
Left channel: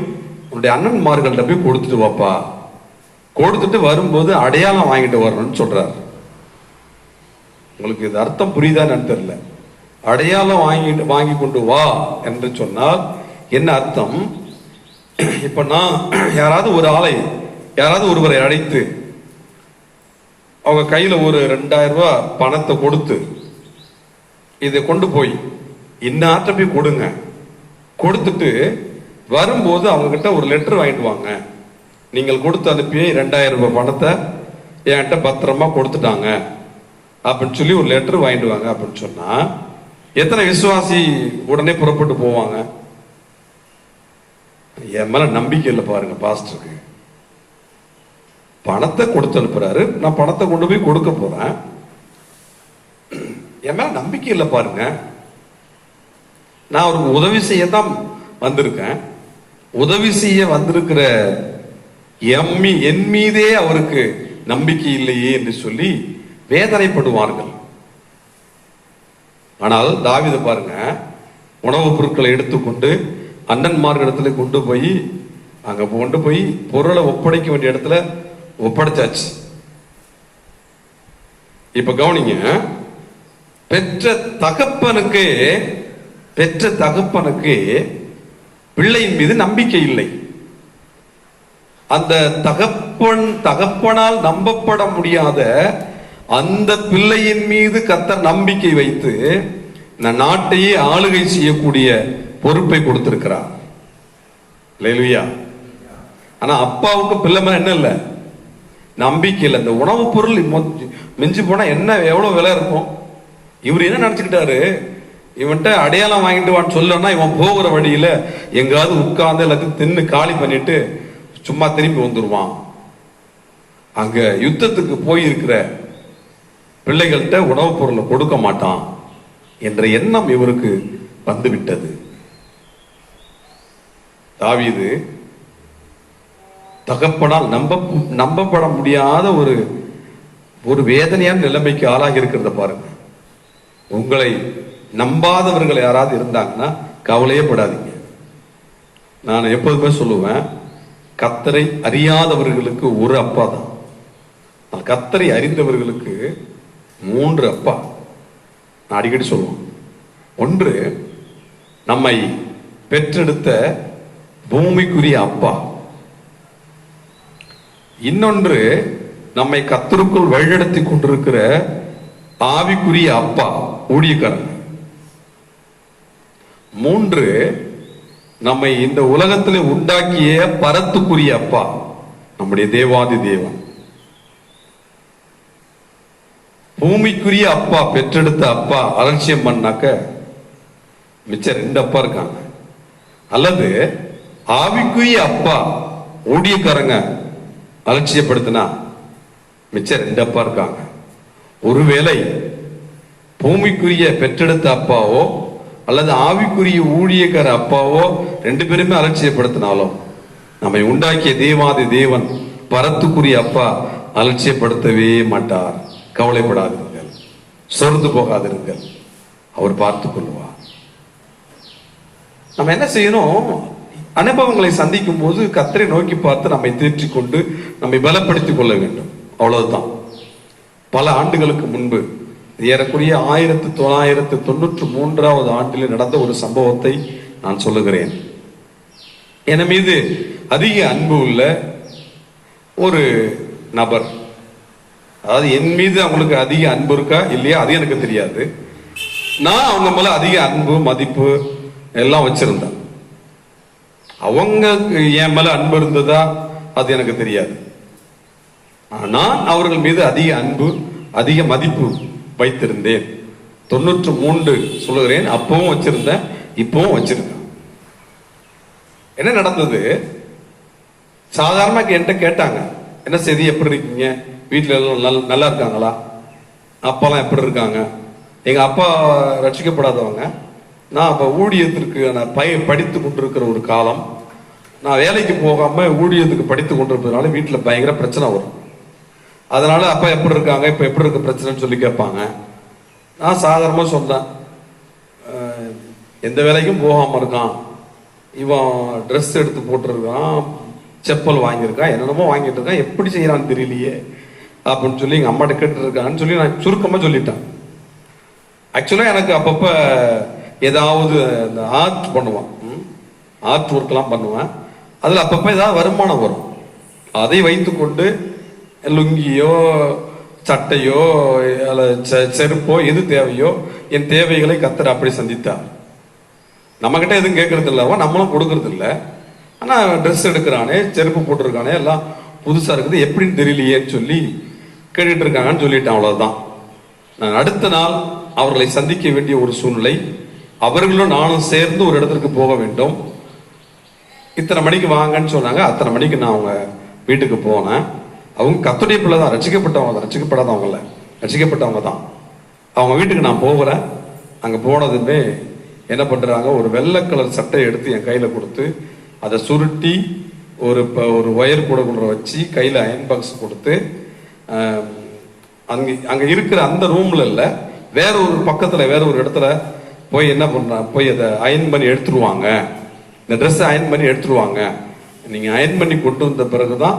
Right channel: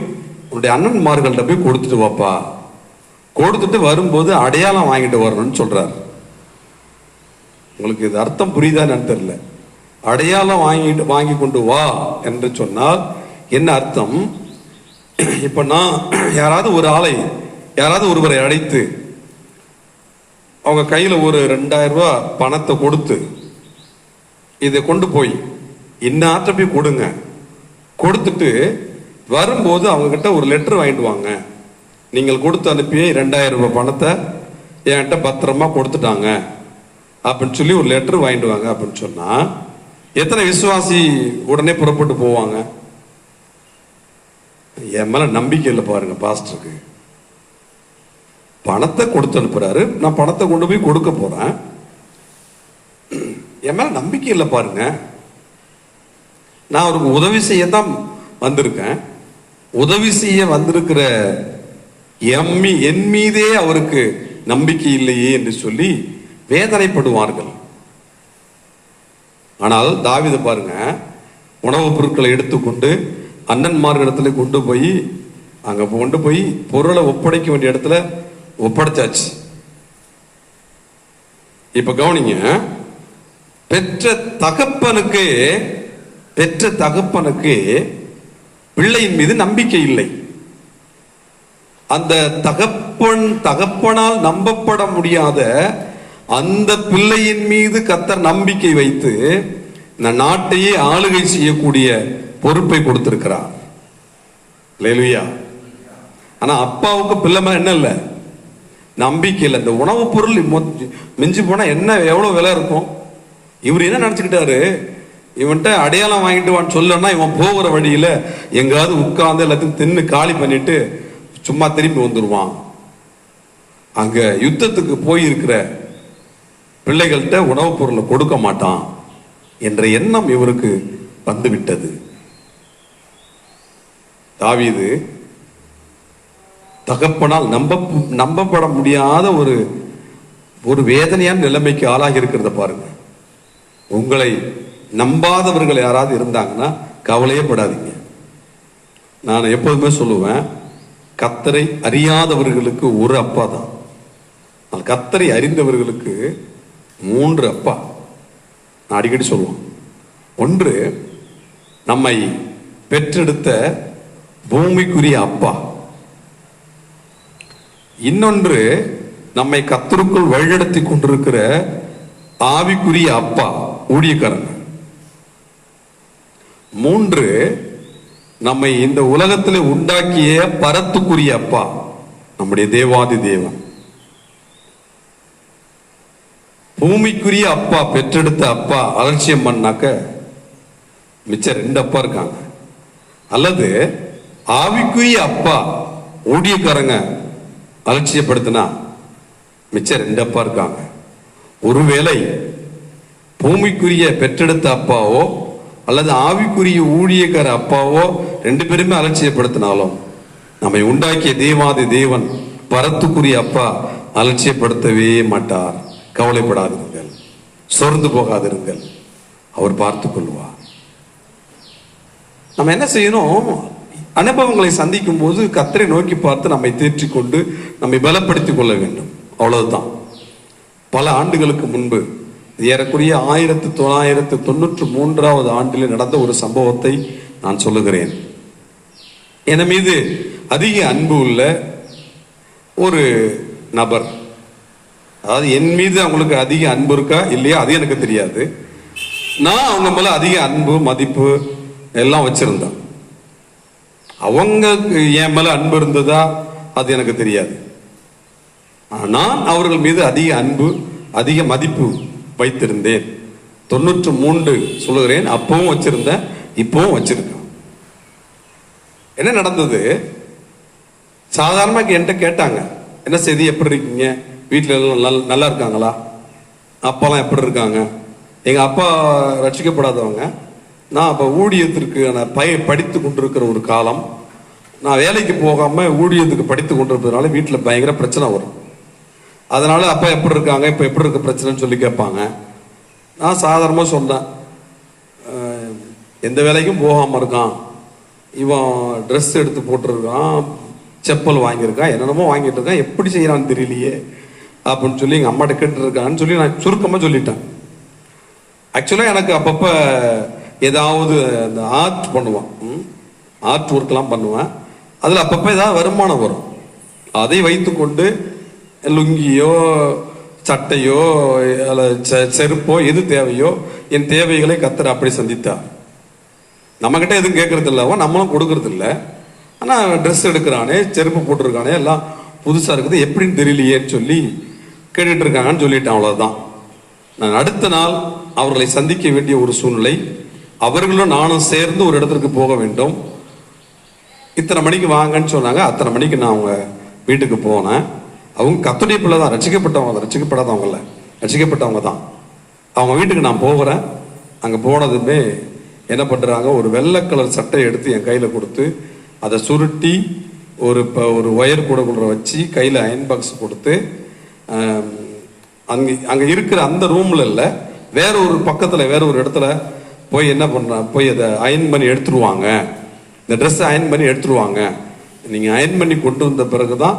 உன்னுடைய அண்ணன்மார்கள்ட்ட போய் கொடுத்துட்டு வாப்பா, கொடுத்துட்டு வரும்போது அடையாளம் வாங்கிட்டு வரணும்னு சொல்றார். உங்களுக்கு இது அர்த்தம் புரியுதான்னு தெரியல. அடையாளம் வாங்கி கொண்டு வா என்று சொன்னால் என்ன அர்த்தம்? இப்ப நான் யாராவது ஒருவரை அழைத்து அவங்க கையில ஒரு 2000 ரூபாய் பணத்தை கொடுத்து இதை கொண்டு போய் இன்னாற்ற போய் கொடுங்க, கொடுத்துட்டு வரும்போது அவங்க கிட்ட ஒரு லெட்டர் வாங்கிட்டு வாங்க, நீங்கள் கொடுத்து அனுப்பி 2000 ரூபாய் பணத்தை என்கிட்ட பத்திரமா கொடுத்துட்டாங்க அப்படின்னு சொல்லி ஒரு லெட்டர் வாங்கிட்டு வாங்க அப்படின்னு சொன்னா எத்தனை விசுவாசி உடனே புறப்பட்டு போவாங்க? என் மேல நம்பிக்கை இல்லை பாருங்க. பாஸ்டருக்கு பணத்தை கொடுத்து அனுப்புறாரு, நான் பணத்தை கொண்டு போய் கொடுக்க போறேன், என் மேல நம்பிக்கை இல்லை பாருங்க. நான் அவருக்கு உதவி செய்யத்தான் வந்திருக்கேன், உதவி செய்ய வந்திருக்கிற என் மீதே அவருக்கு நம்பிக்கை இல்லையே என்று சொல்லி வேதனைப்படுவார்கள். ஆனால் தாவீது பாருங்க, உணவுப் பொருட்களை எடுத்துக்கொண்டு அண்ணன்மார்களிடத்துல கொண்டு போய் அங்க கொண்டு போய் பொருளை ஒப்படைக்க வேண்டிய இடத்துல ஒப்படைச்சாச்சு. இப்ப கவனிங்க, பெற்ற தகப்பனுக்கு பிள்ளையின் மீது நம்பிக்கை இல்லை. அந்த தகப்பனால் நம்பப்பட முடியாத அந்த பிள்ளையின் மீது கர்த்தர் நம்பிக்கை வைத்து இந்த நாட்டையே ஆளுகை செய்யக்கூடிய பொறுப்பை கொடுத்திருக்கிறார். அல்லேலூயா. ஆனா அப்பாவுக்கு பிள்ளை மேல என்ன இல்லை? நம்பிக்கை இல்லை. இந்த உணவுப் பொருள் மிஞ்சி போனா என்ன எவ்வளவு விலை இருக்கும்? இவர் என்ன நினைச்சுக்கிட்டாரு, இவன்ட்ட அடையாளம் வாங்கிட்டு வான்னு சொல்லனா இவன் போகிற வழியில எங்காவது உட்கார்ந்து எல்லாத்தையும் தின்னு காலி பண்ணிட்டு சும்மா திரும்பி வந்துருவான். அங்க யுத்தத்துக்கு போயிருக்கிற பிள்ளைகள்கிட்ட உணவுப் பொருளை கொடுக்க மாட்டான் என்ற எண்ணம் இவருக்கு வந்துவிட்டது. தாவீது தகப்பனால் நம்பப்பட முடியாத ஒரு வேதனையான நிலைமைக்கு ஆளாகி இருக்கிறத பாருங்க. உங்களை நம்பாதவர்கள் யாராவது இருந்தாங்கன்னா கவலையே படாதீங்க. நான் எப்போதுமே சொல்லுவேன், கர்த்தரை அறியாதவர்களுக்கு ஒரு அப்பா தான், கர்த்தரை அறிந்தவர்களுக்கு 3 அப்பா. நான் அடிக்கடி சொல்லுவேன். ஒன்று, நம்மை பெற்றெடுத்த பூமிக்குரிய அப்பா. இன்னொன்று, நம்மை கர்த்தருக்குள் வழிநடத்தி கொண்டிருக்கிற ஆவிக்குரிய அப்பா, ஊழியக்காரங்க. 3, நம்மை இந்த உலகத்தில் உண்டாக்கிய பரத்துக்குரிய அப்பா, நம்முடைய தேவாதி தேவன். பூமிக்குரிய அப்பா, பெற்றெடுத்த அப்பா அலட்சியம் பண்ணாக்க மிச்சம் 2 அப்பா இருக்காங்க. அல்லது ஆவிக்குரிய அப்பா ஊழியக்காரங்க அலட்சியப்படுத்தினா மிச்சம் 2 அப்பா இருக்காங்க. ஒருவேளை பூமிக்குரிய பெற்றெடுத்த அப்பாவோ அல்லது ஆவிக்குரிய ஊழியக்கார அப்பாவோ 2 பேருமே அலட்சியப்படுத்தினாலும் நம்மை உண்டாக்கிய தேவாதி தேவன் பரத்துக்குரிய அப்பா அலட்சியப்படுத்தவே மாட்டார். கவலைப்படாதிருங்கள், சோர்ந்து போகாதிருங்கள், அவர் பார்த்துக் கொள்வார். நம்ம என்ன செய்யணும்? அனுபவங்களை சந்திக்கும் போது கர்த்தரை நோக்கி பார்த்து நம்மை தேற்றிக் கொண்டு நம்மை பலப்படுத்திக் கொள்ள வேண்டும். அவ்வளவுதான். பல ஆண்டுகளுக்கு முன்பு, ஏறக்குறைய 1993 ஆண்டில் நடந்த ஒரு சம்பவத்தை நான் சொல்லுகிறேன். என் மீது அதிக அன்பு உள்ள ஒரு நபர், அதாவது என் மீது அவங்களுக்கு அதிக அன்பு இருக்கா இல்லையா அது எனக்கு தெரியாது. நான் அவங்க மேல அதிக அன்பு மதிப்பு எல்லாம் வச்சிருந்தேன். அவங்களுக்கு என் மேல அன்பு இருந்ததா அது எனக்கு தெரியாது. நான் அவர்கள் மீது அதிக அன்பு அதிக மதிப்பு வைத்திருந்தேன். 93 சொல்லுகிறேன், அப்பவும் வச்சிருந்தேன், இப்பவும் வச்சிருக்கேன். என்ன நடந்தது? சாதாரணமாக என்கிட்ட கேட்டாங்க, என்ன செய்தி, எப்படி இருக்கீங்க, வீட்டில் எல்லாம் நல்லா இருக்காங்களா, அப்பாலாம் எப்படி இருக்காங்க. எங்க அப்பா ரட்சிக்கப்படாதவங்க. நான் அப்போ ஊழியத்திற்கு நான் படித்து கொண்டிருக்கிற ஒரு காலம். நான் வேலைக்கு போகாம ஊழியத்துக்கு படித்து கொண்டிருக்கிறதுனால வீட்டில் பயங்கர பிரச்சனை வரும். அதனால அப்பா எப்படி இருக்காங்க, இப்போ எப்படி இருக்க பிரச்சனைன்னு சொல்லி கேட்பாங்க. நான் சாதாரணமாக சொன்னேன், எந்த வேலைக்கும் போகாமல் இருக்கான், இவன் ட்ரெஸ் எடுத்து போட்டிருக்கான், செப்பல் வாங்கியிருக்கான், என்னென்னமோ வாங்கிட்டு இருக்கான், எப்படி செய்யறான்னு தெரியலையே அப்படின்னு சொல்லி எங்கள் அம்மாட்ட கேட்டுருக்கான்னு சொல்லி நான் சுருக்கமாக சொல்லிட்டேன். ஆக்சுவலாக எனக்கு அப்பப்போ ஏதாவது இந்த ஆர்ட் பண்ணுவான், ஆர்ட் ஒர்க்லாம் பண்ணுவேன். அதில் அப்பப்போ ஏதாவது வருமானம் வரும். அதை வைத்துக்கொண்டு லுங்கியோ சட்டையோ செருப்போ எது தேவையோ என் தேவைகளை கர்த்தர் அப்படி சந்தித்தார். நம்மகிட்ட எதுவும் கேட்கறது இல்லை, நம்மளும் கொடுக்கறது இல்லை. ஆனால் ட்ரெஸ் எடுக்கிறானே, செருப்பு போட்டிருக்கானே, எல்லாம் புதுசாக இருக்குது, எப்படின்னு தெரியலையேன்னு சொல்லி கேட்டுட்டு இருக்காங்கன்னு சொல்லிட்டேன். அவ்வளோதான். நான் அடுத்த நாள் அவர்களை சந்திக்க வேண்டிய ஒரு சூழ்நிலை. அவர்களும் நானும் சேர்ந்து ஒரு இடத்திற்கு போக வேண்டும். இத்தனை மணிக்கு வாங்கன்னு சொன்னாங்க. அத்தனை மணிக்கு நான் அவங்க வீட்டுக்கு போனேன். அவங்க கர்த்தருடைய பிள்ளை தான், ரட்சிக்கப்பட்டவங்க, ரட்சிக்கப்படாதவங்கள, ரட்சிக்கப்பட்டவங்க தான். அவங்க வீட்டுக்கு நான் போகிறேன். அங்கே போனதுமே என்ன பண்ணுறாங்க, ஒரு வெள்ளை கலர் சட்டை எடுத்து என் கையில் கொடுத்து அதை சுருட்டி ஒரு ஒயர் கூடக்குள்ள வச்சு கையில் அயன் பாக்ஸ் கொடுத்து, அங்கே இருக்கிற அந்த ரூமில் இல்லை, வேற ஒரு பக்கத்தில் வேற ஒரு இடத்துல போய் என்ன பண்ணுறாங்க, போய் அதை அயன் பண்ணி எடுத்துருவாங்க, இந்த ட்ரெஸ்ஸை அயன் பண்ணி எடுத்துருவாங்க, நீங்கள் அயன் பண்ணி கொண்டு வந்த பிறகு தான்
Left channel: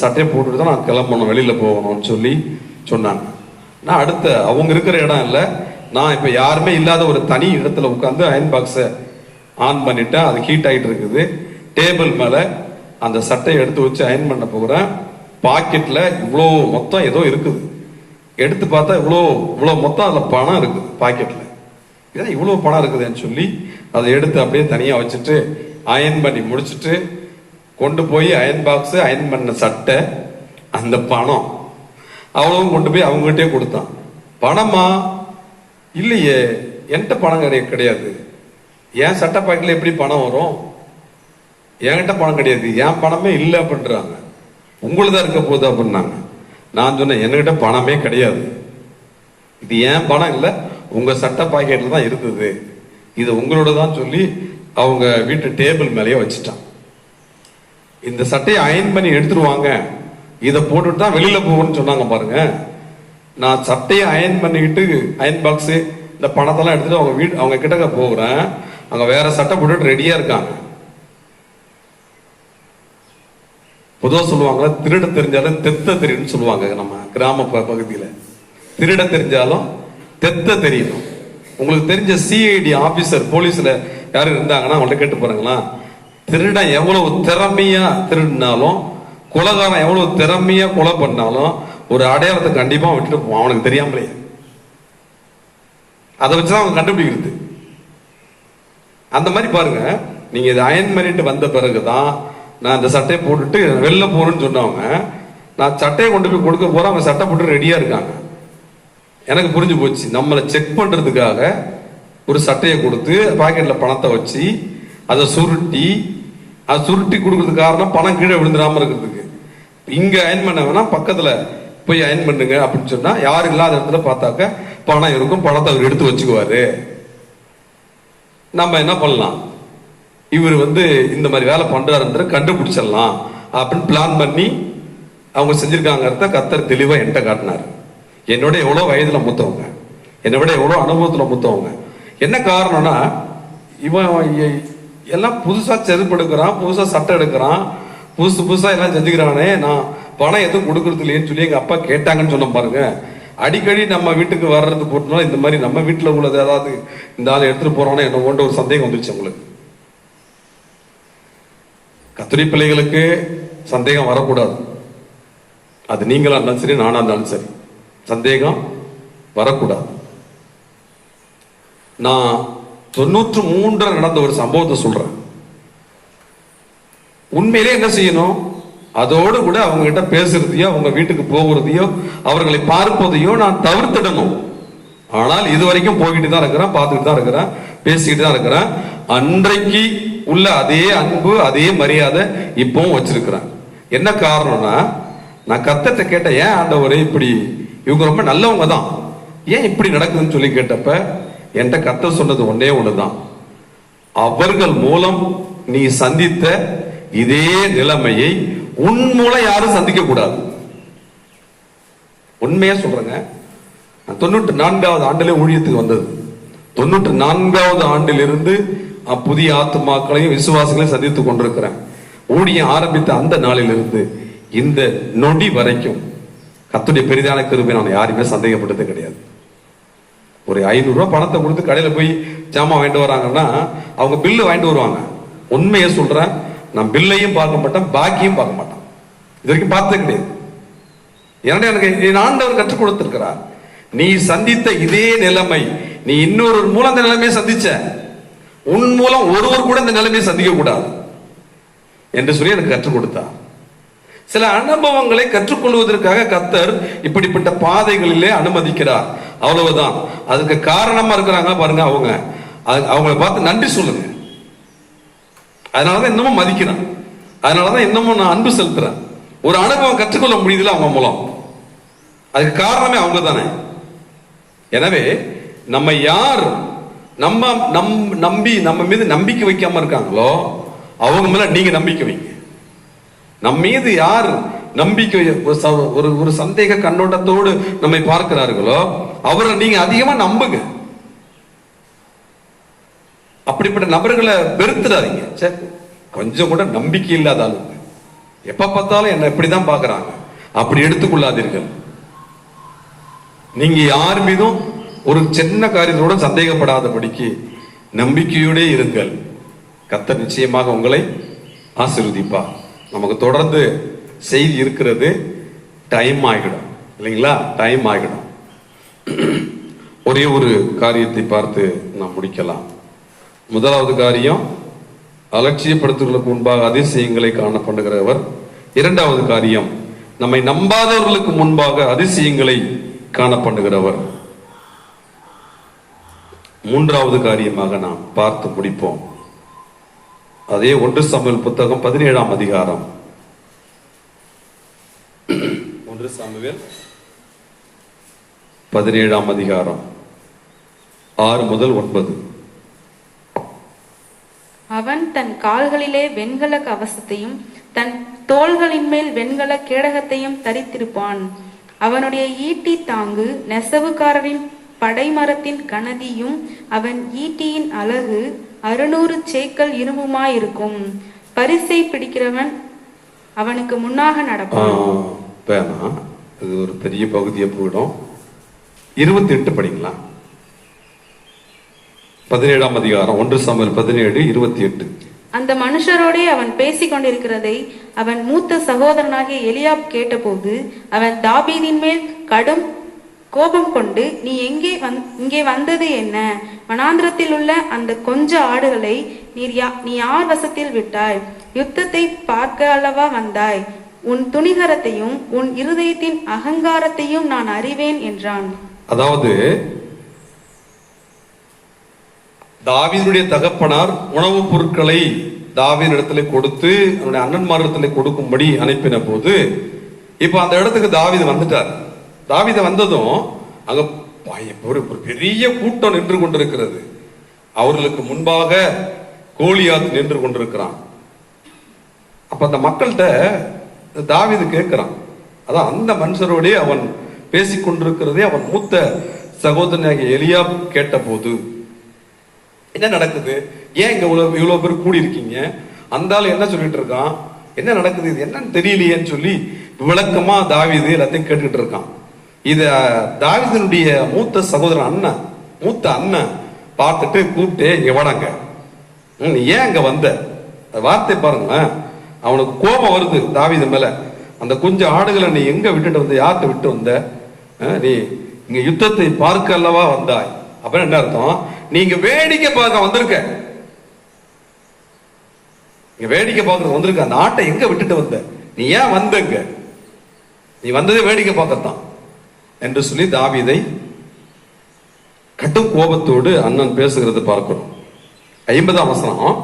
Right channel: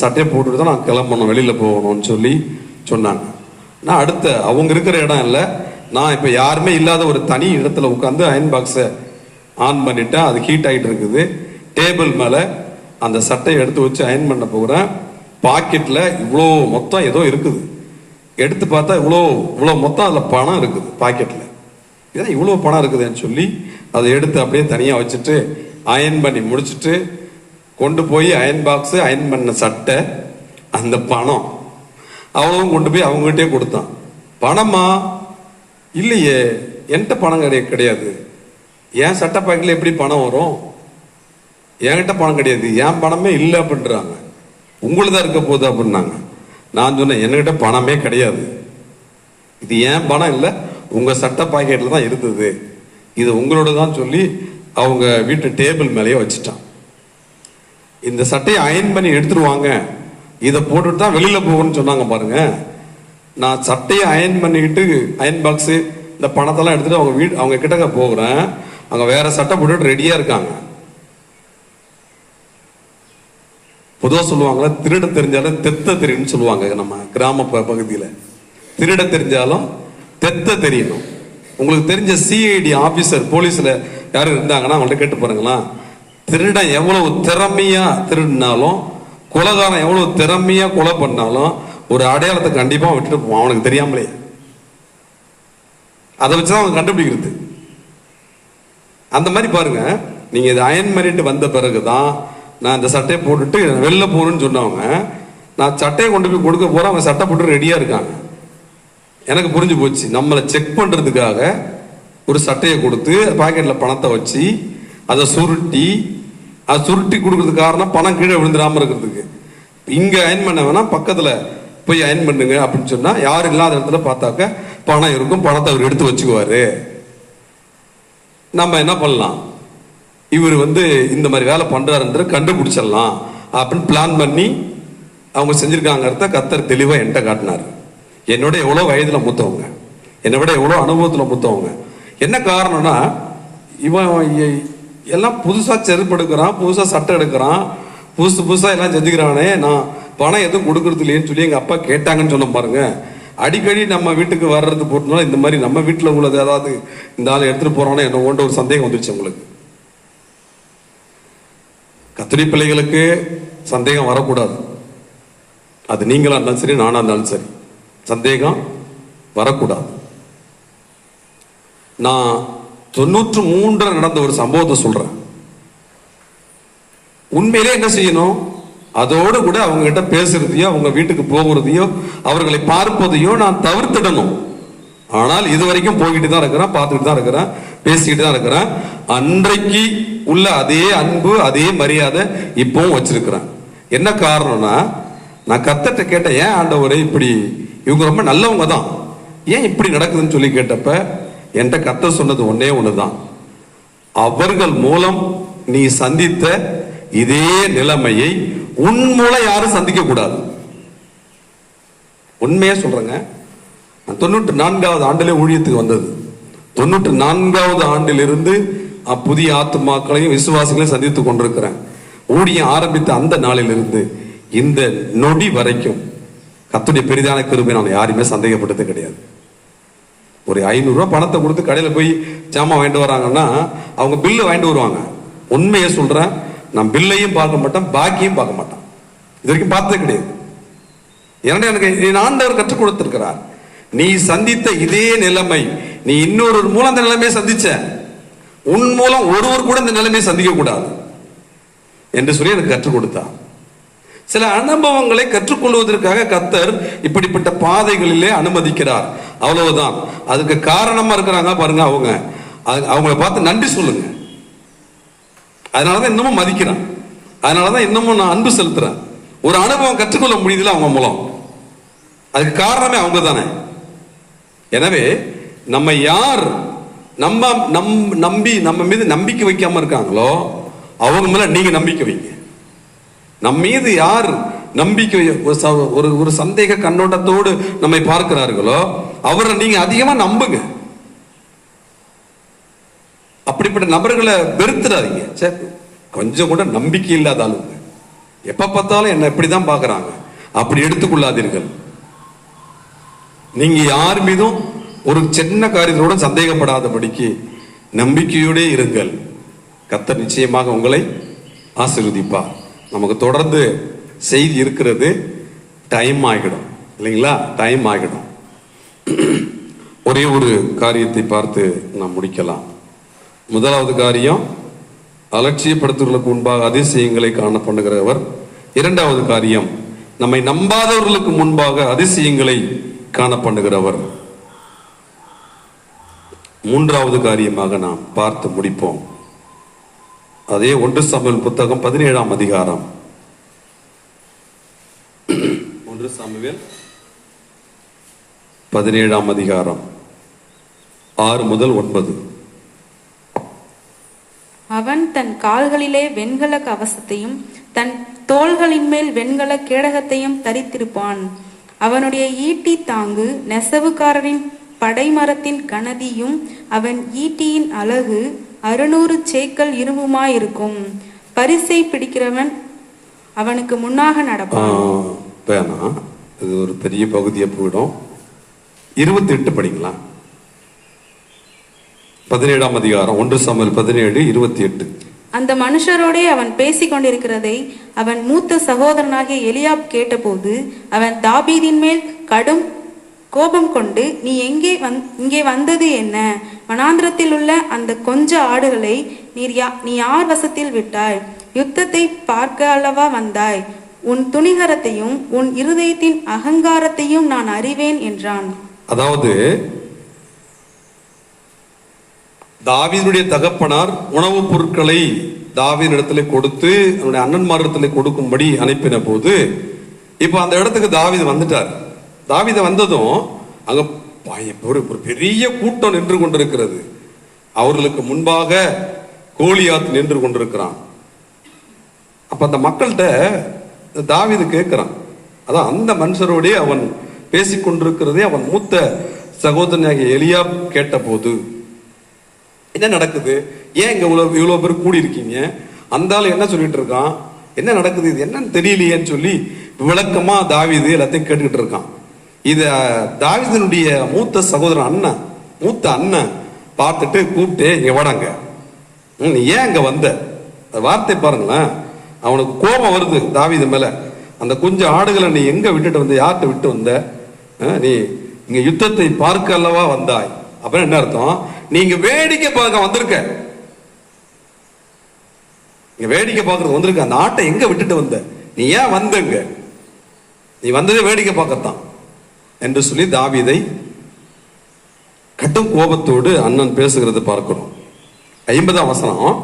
சட்டையை போட்டுட்டு தான் நான் கிளம்பணும், வெளியில போகணும்னு சொல்லி சொன்னாங்க. நான் அடுத்த அவங்க இருக்கிற இடம் இல்லை, நான் இப்போ யாருமே இல்லாத ஒரு தனி இடத்துல உட்காந்து அயன் பாக்ஸை ஆன் பண்ணிட்டேன். அது ஹீட் ஆகிட்டு இருக்குது. டேபிள் மேலே அந்த சட்டையை எடுத்து வச்சு அயன் பண்ண போகிறேன். பாக்கெட்டில் இவ்வளோ மொத்தம் ஏதோ இருக்குது. எடுத்து பார்த்தா இவ்வளோ மொத்தம் அதில் பணம் இருக்குது பாக்கெட்டில். இதான் இவ்வளோ பணம் இருக்குதுன்னு சொல்லி அதை எடுத்து அப்படியே தனியாக வச்சுட்டு அயன் பண்ணி முடிச்சுட்டு கொண்டு போய் அயன் பாக்ஸு, அயன் பண்ண சட்டை, அந்த பணம் அவ்வளவும் கொண்டு போய் அவங்ககிட்டே கொடுத்தான். பணமா? இல்லையே, என்கிட்ட பணம் கிடையாது. என் சட்டை பாக்கெட்டில் எப்படி பணம் வரும்? என்கிட்ட பணம் கிடையாது, என் பணமே இல்லை அப்படின்றாங்க. உங்களுதான் இருக்க போகுது அப்படின்னாங்க. நான் சொன்னேன், என்கிட்ட பணமே கிடையாது, இது ஏன் பணம் இல்லை, உங்க சட்டை பாக்கெட்டில் தான் இருந்தது, இது உங்களோட தான் சொல்லி அவங்க வீட்டு டேபிள் மேலேயே வச்சுட்டான். இந்த சட்டையை அயன் பண்ணி எடுத்துருவாங்க, இதை போட்டுட்டு தான் வெளியில போகணும்னு சொன்னாங்க பாருங்க. நான் சட்டையை அயன் பண்ணிக்கிட்டு அயன் பாக்ஸு இந்த பணத்தெல்லாம் எடுத்துட்டு அவங்க கிட்ட போகிறேன். அங்க வேற சட்டை போட்டுட்டு ரெடியா இருக்காங்க. பொதுவாக சொல்லுவாங்க, திருட தெரிஞ்சாலும் தெத்த தெரியும்னு சொல்லுவாங்க. நம்ம கிராம பகுதியில் திருட தெரிஞ்சாலும் தெத்த தெரியணும். உங்களுக்கு தெரிஞ்ச சிஐடி ஆபீசர் போலீஸ்ல யாரும் இருந்தாங்கன்னா அவங்கள்ட்ட கேட்டு பாருங்களா, திருடன் எவ்வளவு திறமையா திருடினாலும், கொலைகாரன் எவ்வளவு திறமையா கொலை பண்ணாலும் ஒரு அடையாளத்தை கண்டிப்பா விட்டுட்டு போவான், அவனுக்கு தெரியாமலே. அதை வச்சுதான் அவங்க கண்டுபிடிக்கிறது. அந்த மாதிரி பாருங்க, நீங்க இதை அயன் பண்ணிட்டு வந்த பிறகுதான் நான் இந்த சட்டையை போட்டுட்டு வெளில போகணும்னு சொன்னவங்க, நான் சட்டையை கொண்டு போய் கொடுக்க போறேன், அவங்க சட்டை போட்டு ரெடியா இருக்காங்க. எனக்கு புரிஞ்சு போச்சு, நம்மளை செக் பண்றதுக்காக ஒரு சட்டையை கொடுத்து பாக்கெட்ல பணத்தை வச்சு அதை சுருட்டி கொடுக்கறதுக்கு காரணம் பணம் கீழே விழுந்துடாம இருக்கிறதுக்கு. இங்க அயன் பண்ண வேணா, பக்கத்துல போய் அயன் பண்ணுங்க அப்படின்னு சொன்னா யாரும் இல்லாத இடத்துல பார்த்தாக்க பணம் இருக்கும், பணத்தை அவர் எடுத்து வச்சுக்குவாரு. நம்ம என்ன பண்ணலாம், இவர் இந்த மாதிரி வேலை பண்றாருன்ற கண்டுபிடிச்சிடலாம் அப்படின்னு பிளான் பண்ணி அவங்க செஞ்சிருக்காங்கிறத கர்த்தர் தெளிவா என்கிட்ட காட்டினார். என்னோட எவ்வளவு வயதுல மூத்தவங்க, என்னை விட எவ்வளவு அனுபவத்துல மூத்தவங்க. என்ன காரணம்னா, இவன் எல்லாம் புதுசா செருப்பு எடுக்கிறான், புதுசா சட்டை எடுக்கிறான், புதுசா எல்லாம் செஞ்சுக்கிறானே, நான் பணம் எதுவும் கொடுக்கறது இல்லையேன்னு சொல்லி எங்க அப்பா கேட்டாங்கன்னு சொன்ன பாருங்க. அடிக்கடி நம்ம வீட்டுக்கு வர்றது போட்டோம்னா இந்த மாதிரி நம்ம வீட்டுல உள்ளது ஏதாவது இந்த ஆள் எடுத்துட்டு போறானே என்ன ஓன்ற ஒரு சந்தேகம் வந்துருச்சு உங்களுக்கு. கர்த்தருடைய பிள்ளைகளுக்கு சந்தேகம் வரக்கூடாது. அது நீங்களா இருந்தாலும் சரி, நானா இருந்தாலும் சரி, சந்தேகம் வரக்கூடாது. நான் 93 நடந்த ஒரு சம்பவத்தை சொல்றேன். உண்மையிலே என்ன செய்யணும், அதோடு கூட அவங்க கிட்ட பேசுறதையோ, அவங்க வீட்டுக்கு போகிறதையோ, அவர்களை பார்ப்பதையோ நான் தவிர்த்திடணும். ஆனால் இதுவரைக்கும் போய்கிட்டு தான் இருக்கிறேன், பார்த்துட்டு தான் இருக்கிறேன், பேசிக்கிட்டு தான் இருக்கிறேன். அன்றைக்கு உள்ள அதே அன்பு, அதே மரியாதை இப்பவும் வச்சிருக்கிறேன். என்ன காரணம்னா, நான் கர்த்தர்ட்ட கேட்டேன், ஏன் ஆண்டவரே இப்படி, இவங்க ரொம்ப நல்லவங்க தான், ஏன் இப்படி நடக்குதுன்னு சொல்லி கேட்டப்ப என்கிட்ட கர்த்தர் சொன்னது ஒன்னே ஒண்ணுதான், அவர்கள் மூலம் நீ சந்தித்த இதே நிலைமையை உன் மூலம் யாரும் சந்திக்க கூடாது. உண்மையா சொல்றேங்க, 94வது ஆண்டிலே ஊழியத்துக்கு வந்தது. 94வது ஆண்டிலிருந்து புதிய ஆத்துமாக்களையும் விசுவாசங்களையும் சந்தித்துக் கொண்டிருக்கிறேன். ஊழியம் ஆரம்பித்த அந்த நாளிலிருந்து இந்த நொடி வரைக்கும் கர்த்தருடைய பெரிதான கிருபை நான் யாருமே சந்தேகப்பட்டது கிடையாது. ஒரு 500 ரூபாய் பணத்தை கொடுத்து கடையில போய் ஜாமான் வாங்கிட்டு வராங்கன்னா அவங்க பில்லு வாங்கிட்டு வருவாங்க. உண்மையை சொல்றேன், நான் பில்லையும் பார்க்க மாட்டேன், பாக்கியும் பார்க்க மாட்டேன். இது வரைக்கும் பார்த்ததே கிடையாது. ஏன்னா எனக்கு ஆண்டவர் கற்றுக் கொடுத்திருக்கிறார், நீ சந்தித்த இதே நிலைமை நீ இன்னொரு மூலம் அந்த நிலைமையை சந்திச்ச, உன் மூலம் ஒருவர் கூட இந்த நிலைமையை சந்திக்க கூடாது என்று சொல்லி எனக்கு கற்றுக் கொடுத்தார். சில அனுபவங்களை கற்றுக்கொள்வதற்காக கர்த்தர் இப்படிப்பட்ட பாதைகளிலே அனுமதிக்கிறார், அவ்வளவுதான். அதுக்கு காரணமா இருக்கிறாங்க பாருங்க, அவங்கள பார்த்து நன்றி சொல்லுங்க. அதனாலதான் இன்னமும் மதிக்கிறேன், அதனாலதான் இன்னமும் நான் அன்பு செலுத்துறேன். ஒரு அனுபவம் கற்றுக்கொள்ள முடியுதுல அவங்க மூலம், அதுக்கு காரணமே அவங்க தானே. எனவே நம்ம யார் நம்பி நம்ம மீது நம்பிக்கை வைக்காம இருக்காங்களோ அவங்க மேல நீங்க நம்பிக்கை வைங்க. நம்ம மீது யார் நம்பிக்கை ஒரு சந்தேக கண்ணோட்டத்தோடு நம்மை பார்க்கிறார்களோ அவரை நீங்க அதிகமா நம்புங்க. அப்படிப்பட்ட நபர்களை வெறுத்துடாதீங்க. கொஞ்சம் கூட நம்பிக்கை இல்லாத ஆளுங்க, எப்ப பார்த்தாலும் என்ன இப்படிதான் பார்க்கறாங்க. அப்படி எடுத்துக்கொள்ளாதீர்கள். நீங்க யார் மீதும் ஒரு சின்ன காரியத்தோட சந்தேகப்படாதபடிக்கு நம்பிக்கையோட இருங்கள். கர்த்தர் நிச்சயமாக உங்களை ஆசீர்வதிப்பார். நமக்கு தொடர்ந்து செய்தி இருக்கிறது. டைம் ஆகிடும் இல்லைங்களா? டைம் ஆகிடும். ஒரே ஒரு காரியத்தை பார்த்து நாம் முடிக்கலாம். முதலாவது காரியம், அலட்சியப்படுத்துவதற்கு முன்பாக அதிசயங்களை காண பண்ணுகிறவர். இரண்டாவது காரியம், நம்மை நம்பாதவர்களுக்கு முன்பாக அதிசயங்களை காண பண்ணுகிறவர். மூன்றாவது காரியமாக நாம் பார்த்து முடிப்போம். அதே 1 சாமுவேல் புத்தகம் 17ஆம் அதிகாரம். 1 சாமுவேல் 17ஆம் அதிகாரம் 6 முதல் 9. அவன் தன் கால்களிலே வெண்கல கவசத்தையும் தன் தோள்களின் மேல் வெண்கல கேடகத்தையும் தரித்திருப்பான். அவனுடைய ஈட்டி தாங்கு நெசவுக்காரரின் படைமரத்தின் கனதியும் அவன் ஈட்டியின் அலகு 600 சேக்கல் இரும்புமாயிருக்கும். பரிசை பிடிக்கிறவன் அவனுக்கு முன்னாக நடப்பான். வேணாம், இது ஒரு பெரிய பகுதியை போயிடும். 28 படிக்கலாம். 17ஆம் அதிகாரம் 1 சாமுவேல் 17:28. அந்த மனுஷரோடே அவன் பேசிக் கொண்டிருக்கிறதை அவன் மூத்த சகோதரனாகிய எலியாப் கேட்டபோது அவன் தாவீதின் மேல் கடும் கோபம் கொண்டு, நீ இங்கே வந்தது என்ன? வனாந்திரத்தில் உள்ள அந்த கொஞ்ச ஆடுகளை நீ யார் வசத்தில் விட்டாய்? யுத்தத்தை பார்க்க அல்லவா வந்தாய்? உன் துணிகரத்தையும் உன் இருதயத்தின் அகங்காரத்தையும் நான் அறிவேன் என்றான். அதாவது தாவீதுடைய தகப்பனார் உணவுப் பொருட்களை தாவீதின் இடத்துல கொடுத்து அவனுடைய அண்ணன்மாரிடத்துல கொடுக்கும்படி அனுப்பின போது, இப்ப அந்த இடத்துக்கு தாவீது வந்துட்டார். தாவீது வந்ததும் அங்க ஒரு பெரிய கூட்டம் நின்று கொண்டிருக்கிறது. அவர்களுக்கு முன்பாக கோலியாத் நின்று கொண்டிருக்கிறான். அப்ப அந்த மக்கள்கிட்ட தாவீது கேட்கிறான். அதான் அந்த மனுஷரோடே அவன் பேசிக் கொண்டிருக்கிறதே அவன் மூத்த சகோதரனாகிய எலியாப் கேட்ட போது, என்ன நடக்குது? ஏன் இங்க இவ்வளவு பேர் கூடி இருக்கீங்க? அந்த ஆள் என்ன சொல்லிட்டு இருக்கான்? என்ன நடக்குது? இது என்னன்னு தெரியலையேன்னு சொல்லி விளக்கமா தாவீது எல்லாத்தையும் கேட்டுக்கிட்டு இருக்கான். இத தாவீதினுடைய மூத்த சகோதரன் மூத்த அண்ணன் பார்த்துட்டு கூப்பிட்டு, இங்க வடங்க, நீ ஏன் இங்க வந்த? வார்த்தை பாருங்களேன். அவனுக்கு கோபம் வருது தாவீது மேல. அந்த கொஞ்சம் ஆடுகளை நீ எங்க விட்டுட்டு வந்த? யார்கிட்ட விட்டு வந்த? நீ இங்க யுத்தத்தை பார்க்க அல்லவா வந்தாய். அப்புறம் என்ன அர்த்தம்? நீங்க வேடிக்கை பார்க்க வந்திருக்க. நீங்க வேடிக்கை பார்க்கறது வந்திருக்க. அந்த ஆட்டை எங்க விட்டுட்டு வந்த? நீ ஏன் வந்தங்க? நீ வந்ததே வேடிக்கை பார்க்கத்தான் என்று சொல்லி தாவீதை கடும் கோபத்தோடு அண்ணன் பேசுகிறது பார்க்கிறோம். 50ஆம் வசனம்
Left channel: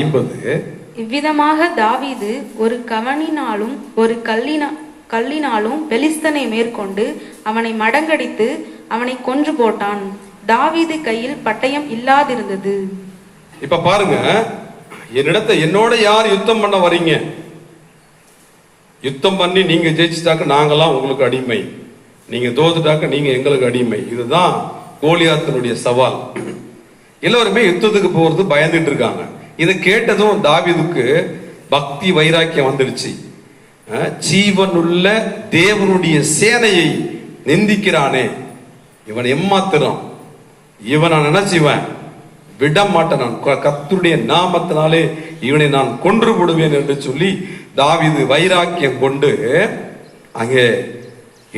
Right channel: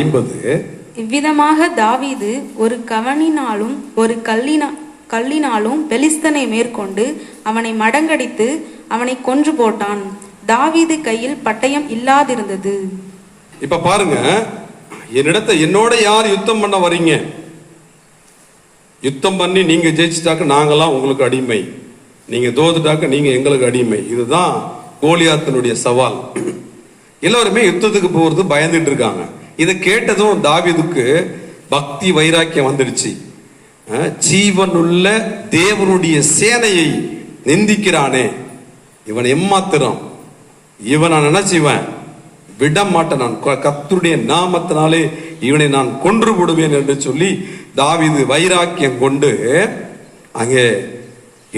50. இவ்விதமாக தாவீது ஒரு கவனினாலும் ஒரு கல்லினாலும் பெலிஸ்தனை மேற்கொண்டு அவனை மடங்கடித்து அவனை கொன்று போட்டான். தாவீது கையில் பட்டயம் இல்லாதிருந்தது. இப்ப பாருங்க, என்னோட யார் யுத்தம் பண்ண வரீங்க? யுத்தம் பண்ணி நீங்க ஜெயிச்சுட்டாக்க நாங்கெல்லாம் உங்களுக்கு அடிமை, நீங்க தோத்துட்டாக்க நீங்க எங்களுக்கு அடிமை. இதுதான் கோலியாத்தினுடைய சவால். எல்லாருமே யுத்தத்துக்கு போறது பயந்துட்டு இருக்காங்க. இதை கேட்டதும் தாவீதுக்கு பக்தி வைராக்கியம் வந்துடுச்சு. ஜீவனுள்ள தேவனுடைய சேனையை நிந்திக்கிறானே, இவன் எம்மாத்திரம், இவனை நினைச்சுவன் விட மாட்டேன், நான் கர்த்தருடைய நாமத்தினாலே இவனை நான் கொன்று விடுவேன் என்று சொல்லி தாவீது வைராக்கியம் கொண்டு அங்கே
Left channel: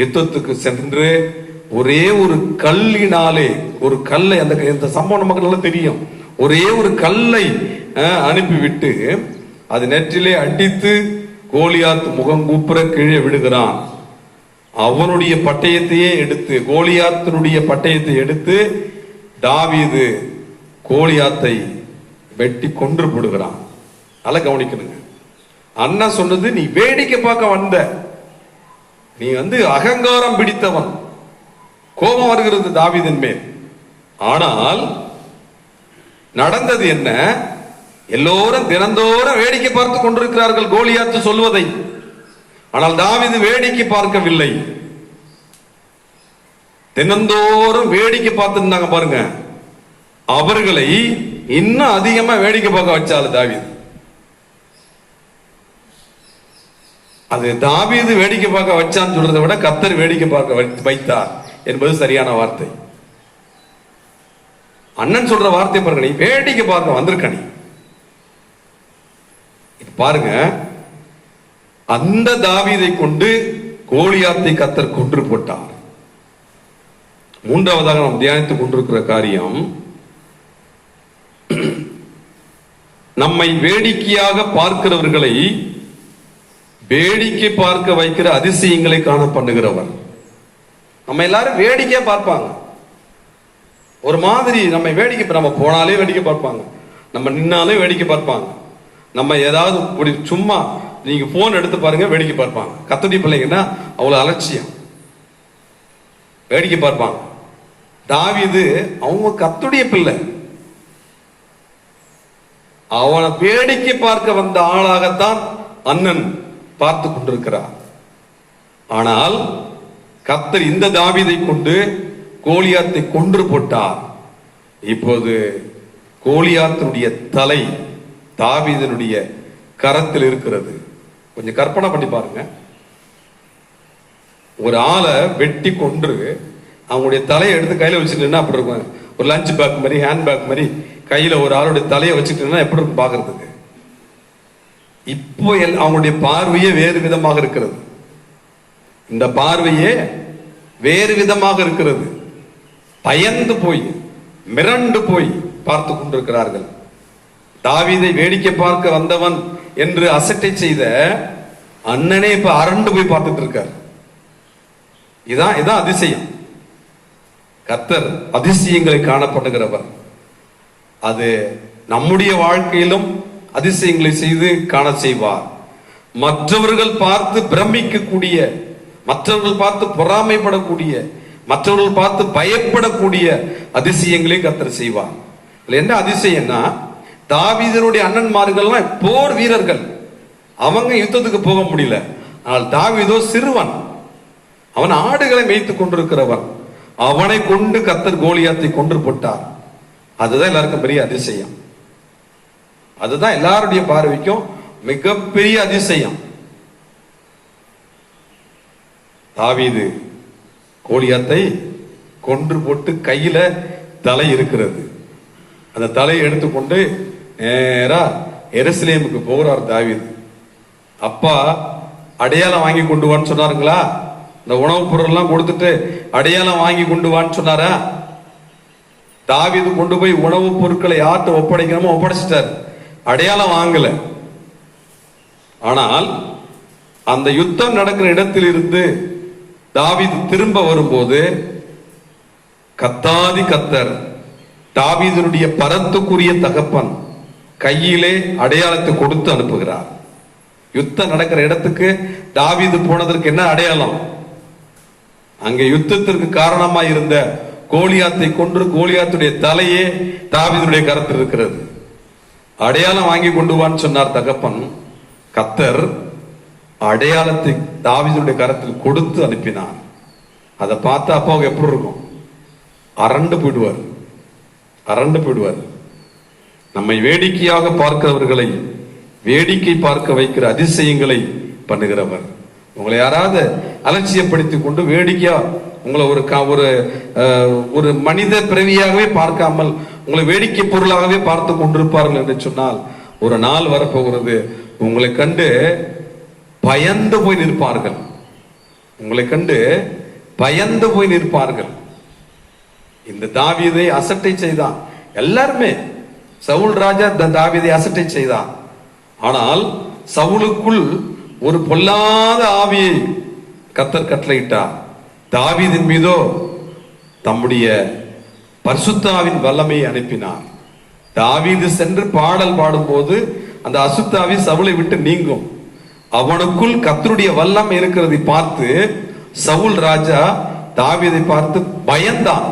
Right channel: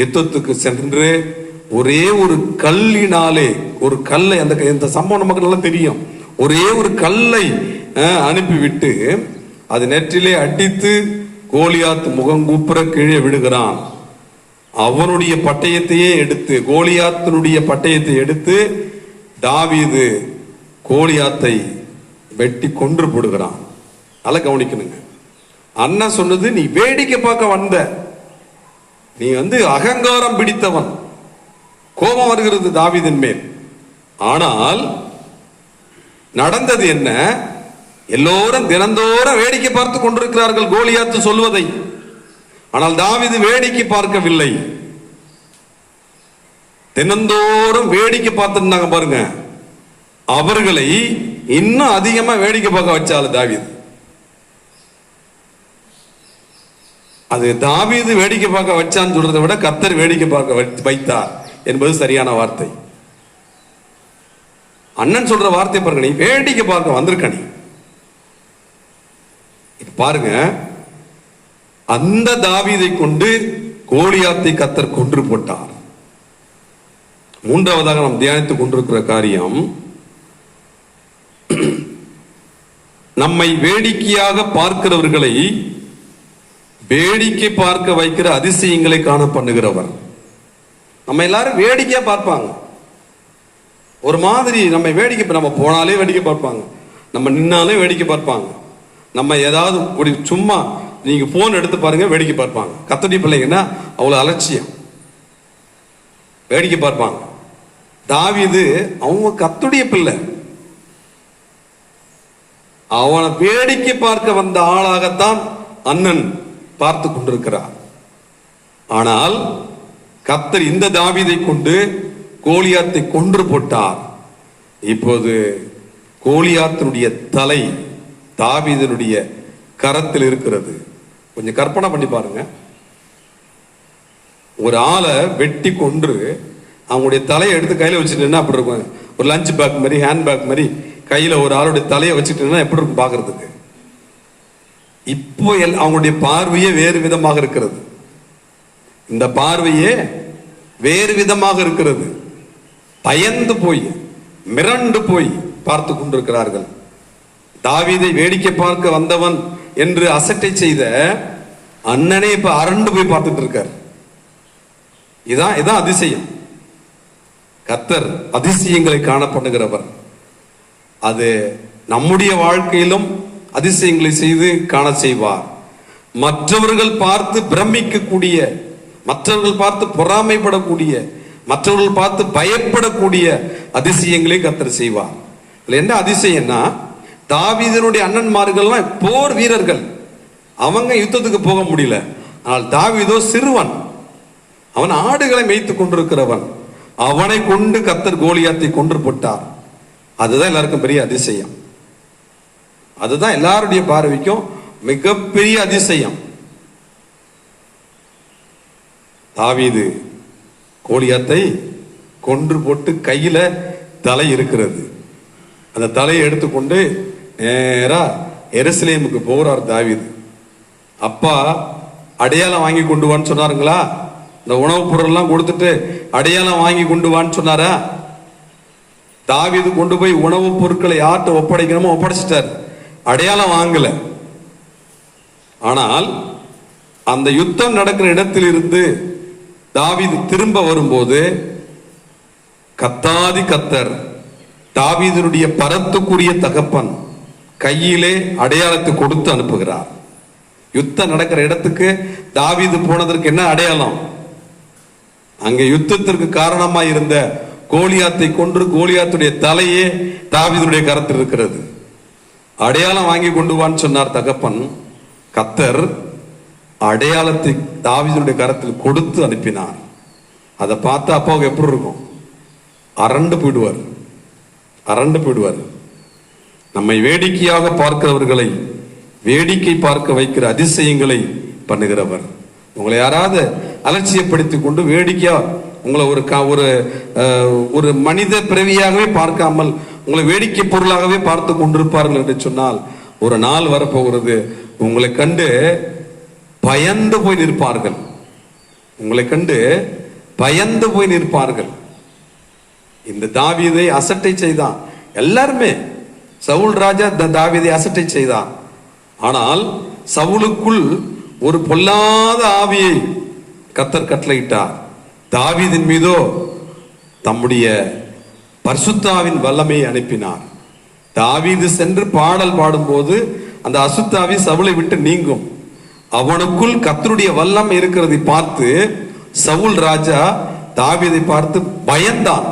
யுத்தத்துக்கு சென்று ஒரே ஒரு கல்லினாலே, ஒரு கல்லை, அந்த சம்பவம் நமக்கு நல்லா தெரியும், ஒரே ஒரு கல்லை அனுப்பிவிட்டு அது நெற்றிலே அடித்து கோலியாத் முகங்கூப்புற கீழே விடுகிறான். அவனுடைய பட்டயத்தையே எடுத்து, கோலியாத்தினுடைய பட்டயத்தை எடுத்து தாவீது கோலியாத்தை வெட்டி கொன்று போடுகிறான். நல்லா கவனிக்கணுங்க. அண்ணன் சொன்னது, நீ வேடிக்கை பார்க்க வந்த, நீ அகங்காரம் பிடித்தவன். கோபம் வருகிறது தாவீதின் மேல். ஆனால் நடந்தது என்ன? எல்லோரும் தினந்தோறும் வேடிக்கை பார்த்து கொண்டிருக்கிறார்கள் கோலியாத்து சொல்வதை. ஆனால் தாவீது வேடிக்கை பார்க்கவில்லை. தினந்தோறும் வேடிக்கை பார்த்திருந்தாங்க பாருங்க. அவர்களை இன்னும் அதிகமா வேடிக்கை பார்க்க வச்சால தாவீது. அது தாவீது வேடிக்கை பார்க்க வச்சான்னு சொல்றதை விட கர்த்தர் வேடிக்கை பார்க்க வைத்தார் என்பது சரியான வார்த்தை. அண்ணன் சொல்ற வார்த்தை பாருங்க, நீ வேடிக்கை பார்க்க வந்திருக்க. நீ பாருங்க, அந்த தாவீதை கொண்டு கோலியாத்தை கர்த்தர் கொன்று போட்டார். மூன்றாவதாக நாம் தியானித்துக் கொண்டிருக்கிற காரியம், நம்மை வேடிக்கையாக பார்க்கிறவர்களை வேடிக்கை பார்க்க வைக்கிற அதிசயங்களை காண பண்ணுகிறவர். நம்ம எல்லாரும் வேடிக்கையா பார்ப்பாங்க, ஒரு மாதிரி நம்ம வேடிக்கை, நம்ம போனாலே வேடிக்கை பார்ப்பாங்க, நம்ம நின்னாலே வேடிக்கை பார்ப்பாங்க, நம்ம ஏதாவது சும்மா நீங்க போன் எடுத்து பாருங்க வேடிக்கை பார்ப்பாங்க. கத்துடி பிள்ளைங்கன்னா அவ்வளவு அலட்சியம், வேடிக்கை பார்ப்பாங்க. தாவீது அவங்க கத்துடைய பிள்ளை, அவனை வேடிக்கை பார்க்க வந்த ஆளாகத்தான் அண்ணன் பார்த்து கொண்டிருக்கிறார். ஆனால் கர்த்தர் இந்த தாவீதை கொண்டு கோலியாத்தை கொன்று போட்டார். இப்போது கோலியாத்தினுடைய தலை தாவீதனுடைய கரத்தில் இருக்கிறது. கொஞ்சம் கற்பனை பண்ணி பாருங்க, ஒரு ஆளை வெட்டி கொன்று அவங்களுடைய தலையை எடுத்து கையில வச்சுட்டு அப்படி இருக்கும். ஒரு லஞ்ச் பேக் மாதிரி, ஹேண்ட் பேக் மாதிரி கையில ஒரு ஆளுடைய தலையை வச்சுட்டு எப்படி இருக்கும் பாக்குறதுக்கு. இப்போ அவங்களுடைய பார்வையே வேறு விதமாக இருக்கிறது. இந்த பார்வையே வேறு விதமாக இருக்கிறது. பயந்து போய் மிரண்டு போய் பார்த்து கொண்டிருக்கிறார்கள். தாவீதை வேடிக்கை பார்க்க வந்தவன் என்று அசட்டை செய்த அண்ணனே இப்ப அரண்டு போய் பார்த்துட்டு இருக்கார். இதான் அதிசயம். கர்த்தர் அதிசயங்களை காணப்படுகிறவர். அது நம்முடைய வாழ்க்கையிலும் அதிசயங்களை செய்து காண செய்வார். மற்றவர்கள் பார்த்து பிரமிக்கக்கூடிய, மற்றவர்கள் பார்த்து பொறாமைப்படக்கூடிய, மற்றவர்கள் பார்த்து பயப்படக்கூடிய அதிசயங்களை கர்த்தர் செய்வார். என்ன அதிசயம்னா, தாவீதனுடைய அண்ணன்மார்கள்லாம் போர் வீரர்கள், அவங்க யுத்தத்துக்கு போக முடியல. ஆனால் தாவீதோ சிறுவன், அவன் ஆடுகளை மேய்த்துக் கொண்டிருக்கிறவன். அவனை கொண்டு கர்த்தர் கோலியாத்தை கொன்று போட்டார். அதுதான் எல்லாருக்கும் பெரிய அதிசயம். அதுதான் எல்லாருடைய பார்வைக்கும் மிகப்பெரிய அதிசயம். தாவீது கோலியாத்தை கொன்று போட்டு கையில தலை இருக்கிறது. அந்த தலையை எடுத்துக்கொண்டு நேரா எருசலேமுக்கு போறார் தாவீது. அப்பா அடையாளம் வாங்கி கொண்டு வான்னு சொன்னாருங்களா? இந்த உணவுப் பொருள் எல்லாம் கொடுத்துட்டு அடையாளம் வாங்கி கொண்டு வான்னு சொன்னாரா? தாவீது கொண்டு போய் உணவுப் பொருட்களை யார்கிட்ட ஒப்படைக்கணுமோ ஒப்படைச்சிட்டார், அடையாளம் வாங்கல. ஆனால் அந்த யுத்தம் நடக்கிற இடத்தில் இருந்து தாவீது திரும்ப வரும்போது கத்தாதி கர்த்தர் தாவீதுடைய பரத்துக்குரிய தகப்பன் கையிலே அடையாளத்தை கொடுத்து அனுப்புகிறார். யுத்தம் நடக்கிற இடத்துக்கு தாவீது போனதற்கு என்ன அடையாளம்? அங்கே யுத்தத்திற்கு காரணமா இருந்த கோலியாத்தை கொன்று கோலியாத்துடைய தலையே தாவீதுடைய கரத்தில் இருக்கிறது. அடையாளம் வாங்கி கொண்டு வான்னு சொன்னார் தகப்பன். கர்த்தர் அடையாளத்தை தாவீதுடைய கரத்தில் கொடுத்து அனுப்பினார். அதை பார்த்தா அப்பாவுக்கு எப்படி இருக்கும்? அரண்டு போயிடுவார், அரண்டு போயிடுவார். நம்மை வேடிக்கையாக பார்க்கிறவர்களை வேடிக்கை பார்க்க வைக்கிற அதிசயங்களை பண்ணுகிறவர். உங்களை யாராவது அலட்சியப்படுத்தி கொண்டு வேடிக்கையா உங்களை ஒரு மனித பிறவியாகவே பார்க்காமல் உங்களை வேடிக்கை பொருளாகவே பார்த்து கொண்டிருப்பார்கள் என்று சொன்னால், ஒரு நாள் வரப்போகிறது உங்களை கண்டு பயந்து போய் நிற்பார்கள். உங்களை கண்டு பயந்து போய் நிற்பார்கள். இந்த தாவீதை அசட்டை செய்தான். எல்லாருமே சவுல் ராஜா தாவீதை அசட்டை செய்தான். ஆனால் சவுலுக்குள் ஒரு பொல்லாத ஆவியை கர்த்தர் கட்டளையிட்டார். தாவீதின் மீதோ தம்முடைய பரிசுத்தாவின் வல்லமையை அனுப்பினார். தாவீது சென்று பாடல் பாடும்போது அந்த அசுத்தாவி சவுலை விட்டு நீங்கும். அவனுக்குள் கர்த்தருடைய வல்லமை இருக்கிறதை பார்த்து சவுல் ராஜா தாவீதை பார்த்து பயந்தான்.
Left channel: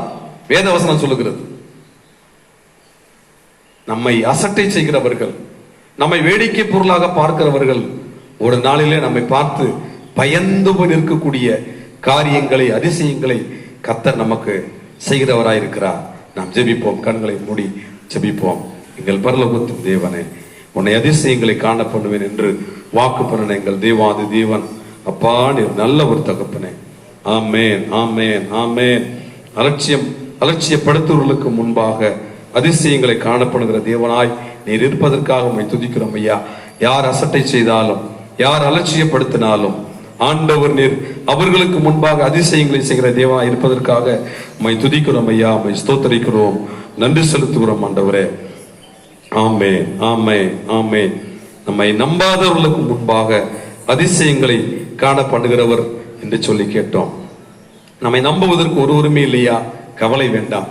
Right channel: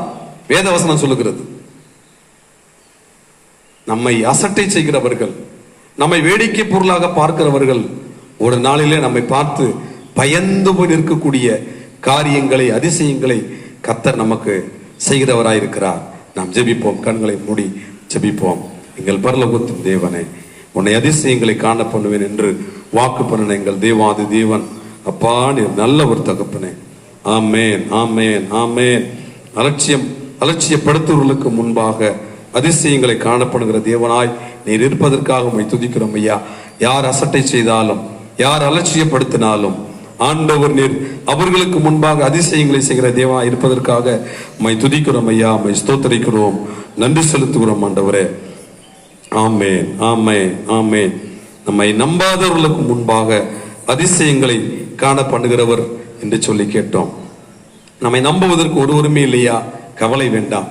வேதவசனம் சொல்லுகிறது. நம்மை அசட்டை செய்கிறவர்கள், நம்மை வேடிக்கை பொருளாக பார்க்கிறவர்கள் ஒரு நாளிலே நம்மை பார்த்து பயந்து போய் நிற்கக்கூடிய காரியங்களை அதிசயங்களை கர்த்தர் நமக்கு செய்கிறவராயிருக்கிறார். நாம் ஜெபிப்போம். கண்களை மூடி ஜெபிப்போம். எங்கள் பரலோகத்தின் தேவனை, உன்னை அதிசயங்களை காண பண்ணுவேன் என்று வாக்கு பண்ணின எங்கள் தேவாதி தேவன், அப்பா நீர் நல்ல ஒரு தகப்பனே. ஆமேன், ஆமேன், ஆமேன். அலட்சியப்படுத்துவர்களுக்கு முன்பாக அதிசயங்களை காணப்படுகிற தேவனாய் நீர் இருப்பதற்காக உம்மை துதிக்கிறோம் ஐயா. யார் அசட்டை செய்தாலும், யார் அலட்சியப்படுத்தினாலும் ஆண்டவர் நீர் அவர்களுக்கு முன்பாக அதிசயங்களை செய்கிற தேவா இருப்பதற்காக உம்மை துதிக்கிறோம் ஐயா. உம்மை ஸ்தோத்திரிக்கிறோம், நன்றி செலுத்துகிறோம் ஆண்டவரே. ஆமேன், ஆமேன், ஆமேன். நம்மை நம்பாதவர்களுக்கு முன்பாக அதிசயங்களை காண பண்ணுகிறவர் என்று சொல்லி கேட்டோம். நம்மை நம்புவதற்கு ஒருவருமே இல்லையா? கவலை வேண்டாம்.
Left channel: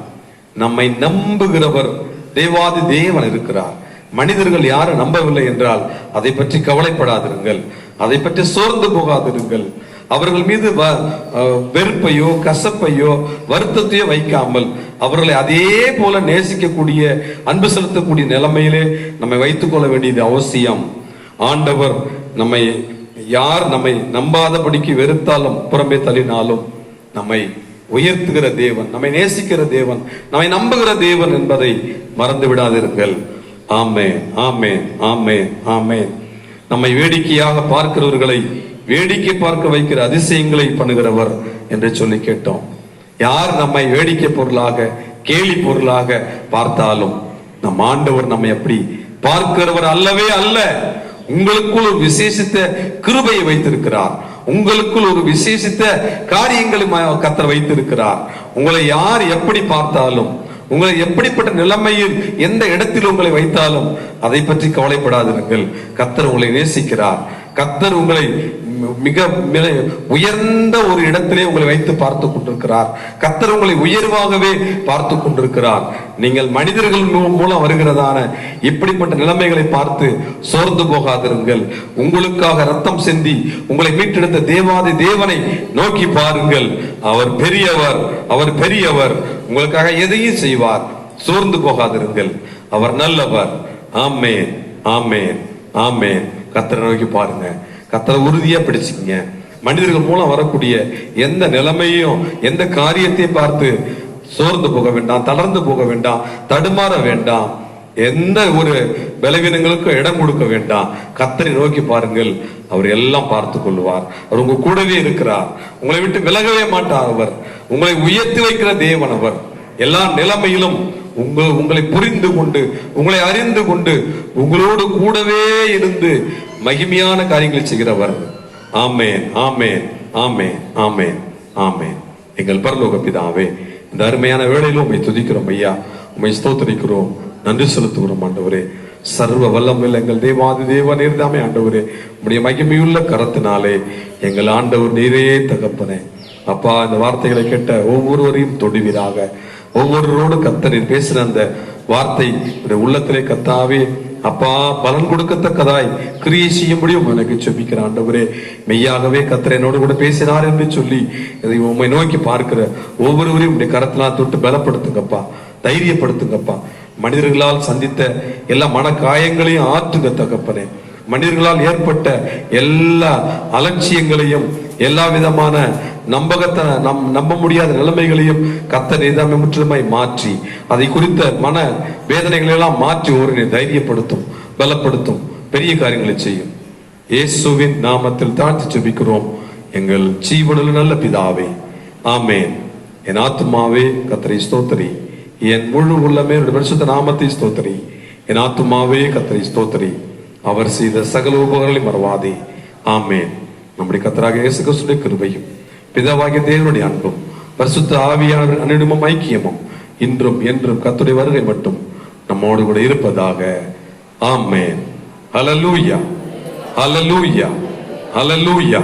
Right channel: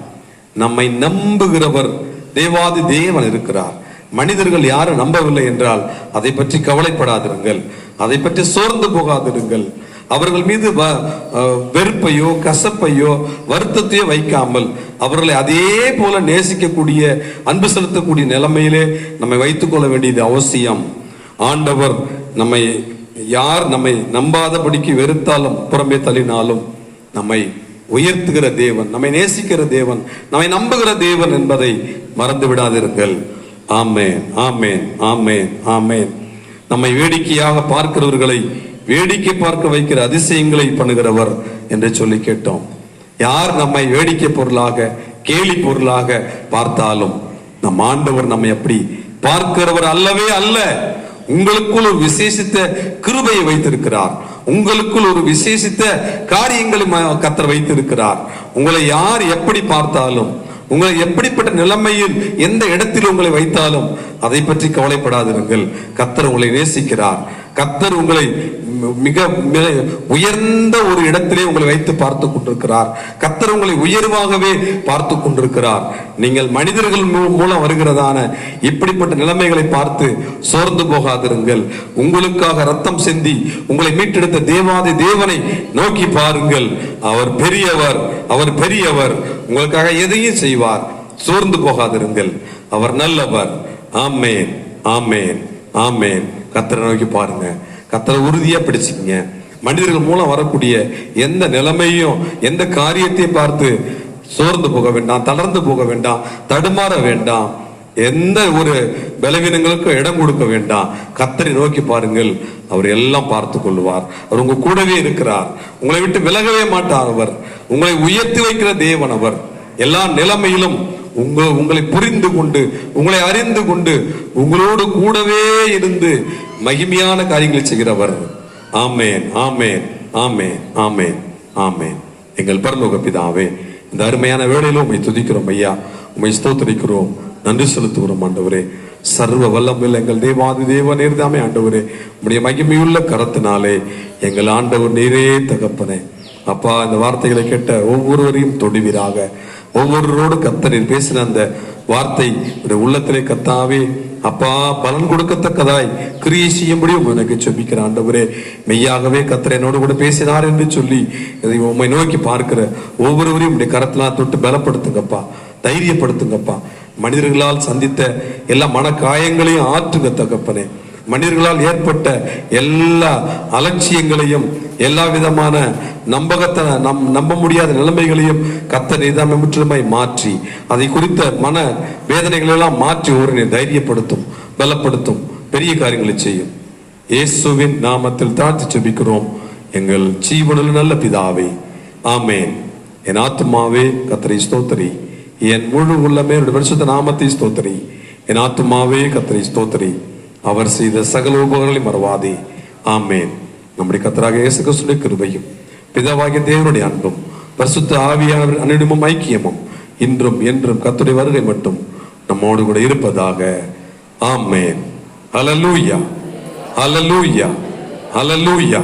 நம்மை நம்புகிறவர் தேவாதி தேவன் இருக்கிறார். மனிதர்கள் யாரும் நம்பவில்லை என்றால் அதை பற்றி கவலைப்படாதிருங்கள், அதை பற்றி சோர்ந்து போகாதிருங்கள். அவர்கள் மீது வெறுப்பையோ கசப்பையோ வருத்தத்தையோ வைக்காமல் அவர்களை அதே போல நேசிக்கக்கூடிய, அன்பு செலுத்தக்கூடிய நிலைமையிலே நம்மை வைத்துக் கொள்ள வேண்டியது அவசியம். ஆண்டவர் நம்மை யார் நம்மை நம்பாதபடிக்கு வெறுத்தாலும் புறம்பே தள்ளினாலும் நம்மை உயர்த்துகிற தேவன், நம்மை நேசிக்கிற தேவன், நம்மை நம்புகிற தேவன் என்பதை மறந்து விடாதிருங்கள். ஆமேன், ஆமேன், ஆமேன், ஆமேன். நம்மை வேடிக்கையாக பார்க்கிறவர்களை வேடிக்கை பார்க்க வைக்கிற அதிசயங்களை பண்ணுகிறவர் என்று சொல்லி கேட்டோம். யார் நம்மை வேடிக்கை பொருளாக, கேலி பொருளாக பார்த்தாலும் நம் ஆண்டவர் நம்மை அப்படி பார்க்கிறவர் அல்லவே அல்ல. உங்களுக்குள் ஒரு விசேஷித்த கிருபையை வைத்திருக்கிறார். உங்களுக்குள் ஒரு விசேஷித்த காரியங்களை கர்த்தர் வைத்திருக்கிறார். உங்களை யார் எப்படி பார்த்தாலும், உங்களை எப்படிப்பட்ட நிலைமையில் எந்த இடத்தில் உங்களை வைத்தாலும் அதை பற்றி கவலைப்படாதீர்கள். கர்த்தர் உங்களை நேசிக்கிறார். கர்த்தர் உங்களை மிக உயர்ந்த ஒரு இடத்திலே உங்களை வைத்து பார்த்து கொண்டிருக்கிறார். கர்த்தர் உங்களை உயர்வாகவே பார்த்து கொண்டிருக்கிறார். நீங்கள் மனிதர்கள் மூலம் வருகிறதான இப்படிப்பட்ட நிலைமைகளை பார்த்து சோர்ந்து போகாதிருங்கள். உங்களுக்காக ரத்தம் சிந்தி உங்களை மீட்டெடுத்த தேவாதி தேவனை நோக்கி பாருங்கள். அவர் பெரியவர், அவர் பெரியவர். உங்களுக்காக எதையும் செய்வார். சோர்ந்து போகாதிருங்கள். அவர் நல்லவர். ஆமேன், ஆமேன், ஆமேன். கர்த்தரை நோக்கி பாருங்க. கர்த்தரை உறுதியா பிடிச்சுங்க. மனிதர்கள் மூலம் வரக்கூடிய எந்த நிலைமையும் எந்த காரியத்தை பார்த்து சோர்ந்து போக வேண்டாம், தளர்ந்து போக வேண்டாம், தடுமாற வேண்டாம், எந்த ஒரு பலவீனங்களுக்கும் இடம் கொடுக்க வேண்டாம். கர்த்தரை நோக்கி பாருங்கள். அவர் எல்லாம் பார்த்து கொள்வார். அவர் உங்க கூடவே இருக்கிறார். உங்களை விட்டு விலகவே மாட்டார். அவர் உங்களை உயர்த்தி வைக்கிற தேவன். அவர் எல்லா நிலைமையிலும் உங்களை புரிந்து கொண்டு, உங்களை அறிந்து கொண்டு, உங்களோடு கூடவே இருந்து மகிமையான காரியங்களை செய்கிறவர். ஆமேன், ஆமேன், ஆமேன், ஆமேன், ஆமேன். எங்கள் பரலோக பிதாவே, இந்த அருமையான வேளையிலும் உம்மை துதிக்கிறோம் ஐயா. உம்மை ஸ்தோத்திரிக்கிறோம், நன்றி செலுத்துகிறோம் ஆண்டவரே. சர்வ வல்லமையில் எங்கள் தேவாதி தேவன் நீர்தாமே ஆண்டவரே. உம்முடைய மகிமையுள்ள கரத்தினாலே எங்கள் ஆண்டவர் நீரே தகப்பனே. அப்பா, இந்த வார்த்தைகளை கேட்ட ஒவ்வொருவரையும் தொடுவீராக. ஒவ்வொருவரோடு கர்த்தர் பேசின அந்த வார்த்தை உள்ளத்திலே கர்த்தாவே அப்பா பலன் கொடுக்கத்தக்கதாய் கிரியை செய்யும்படியும் எனக்கு செபிக்கிற ஆண்டவரே. மெய்யாகவே கர்த்தர் என்னோடு கூட பேசினார் என்று சொல்லி இதை உம்மை நோக்கி பார்க்கிற ஒவ்வொருவரையும் உடைய கரத்தினால் தொட்டு பலப்படுத்துங்கப்பா, தைரியப்படுத்துங்கப்பா. மனிதர்களால் சந்தித்த எல்லா மன காயங்களையும் ஆற்றுங்க தகப்பனே. மனிதர்களால் ஏற்பட்ட எல்லா அலட்சியங்களையும், எல்லா விதமான நம்ப முடியாத நிலைமைகளையும் கர்த்தர் நீதாமே முற்றிலுமாய் மாற்றி, அதை குறித்த மன வேதனைகள் எல்லாம் மாற்றி ஒரு தைரியப்படுத்தும், பலப்படுத்தும், பெரிய காரியங்களை செய்யும். இயேசுவின் நாமத்தில் தாழ்த்தி ஜெபிக்கிறோம் எங்கள் ஜீவனுள்ள நல்ல பிதாவே. ஆமேன். என் ஆத்துமாவே கர்த்தரை ஸ்தோத்திரி, என் முழு உள்ளமே பரிசுத்த நாமத்தை ஸ்தோத்திரி. என் ஆத்துமாவே கர்த்தரை ஸ்தோத்திரி, அவர் செய்த சகல உபகாரங்களை மறவாதே. ஆமேன். நம்முடைய கர்த்தராகிய இயேசு கிறிஸ்துவின் கிருபையும் பிதாவாகிய தேவனுடைய அன்பும் பரிசுத்த ஆவியானவரின் அன்பினும் ஐக்கியமும் இன்றும் என்றும் கர்த்தருடைய வருகை மட்டும் நம்மோடு கூட இருப்பதாக. ஆமேன். ஹல்லேலூயா, ஹல்லேலூயா, ஹல்லேலூயா.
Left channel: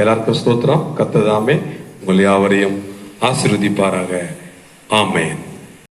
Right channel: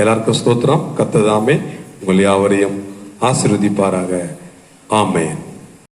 எல்லாருக்கும் ஸ்தோத்திரம். கர்த்தர் தாமே உங்கள் யாவரையும் ஆசீர்வதிப்பாராக. ஆமேன்.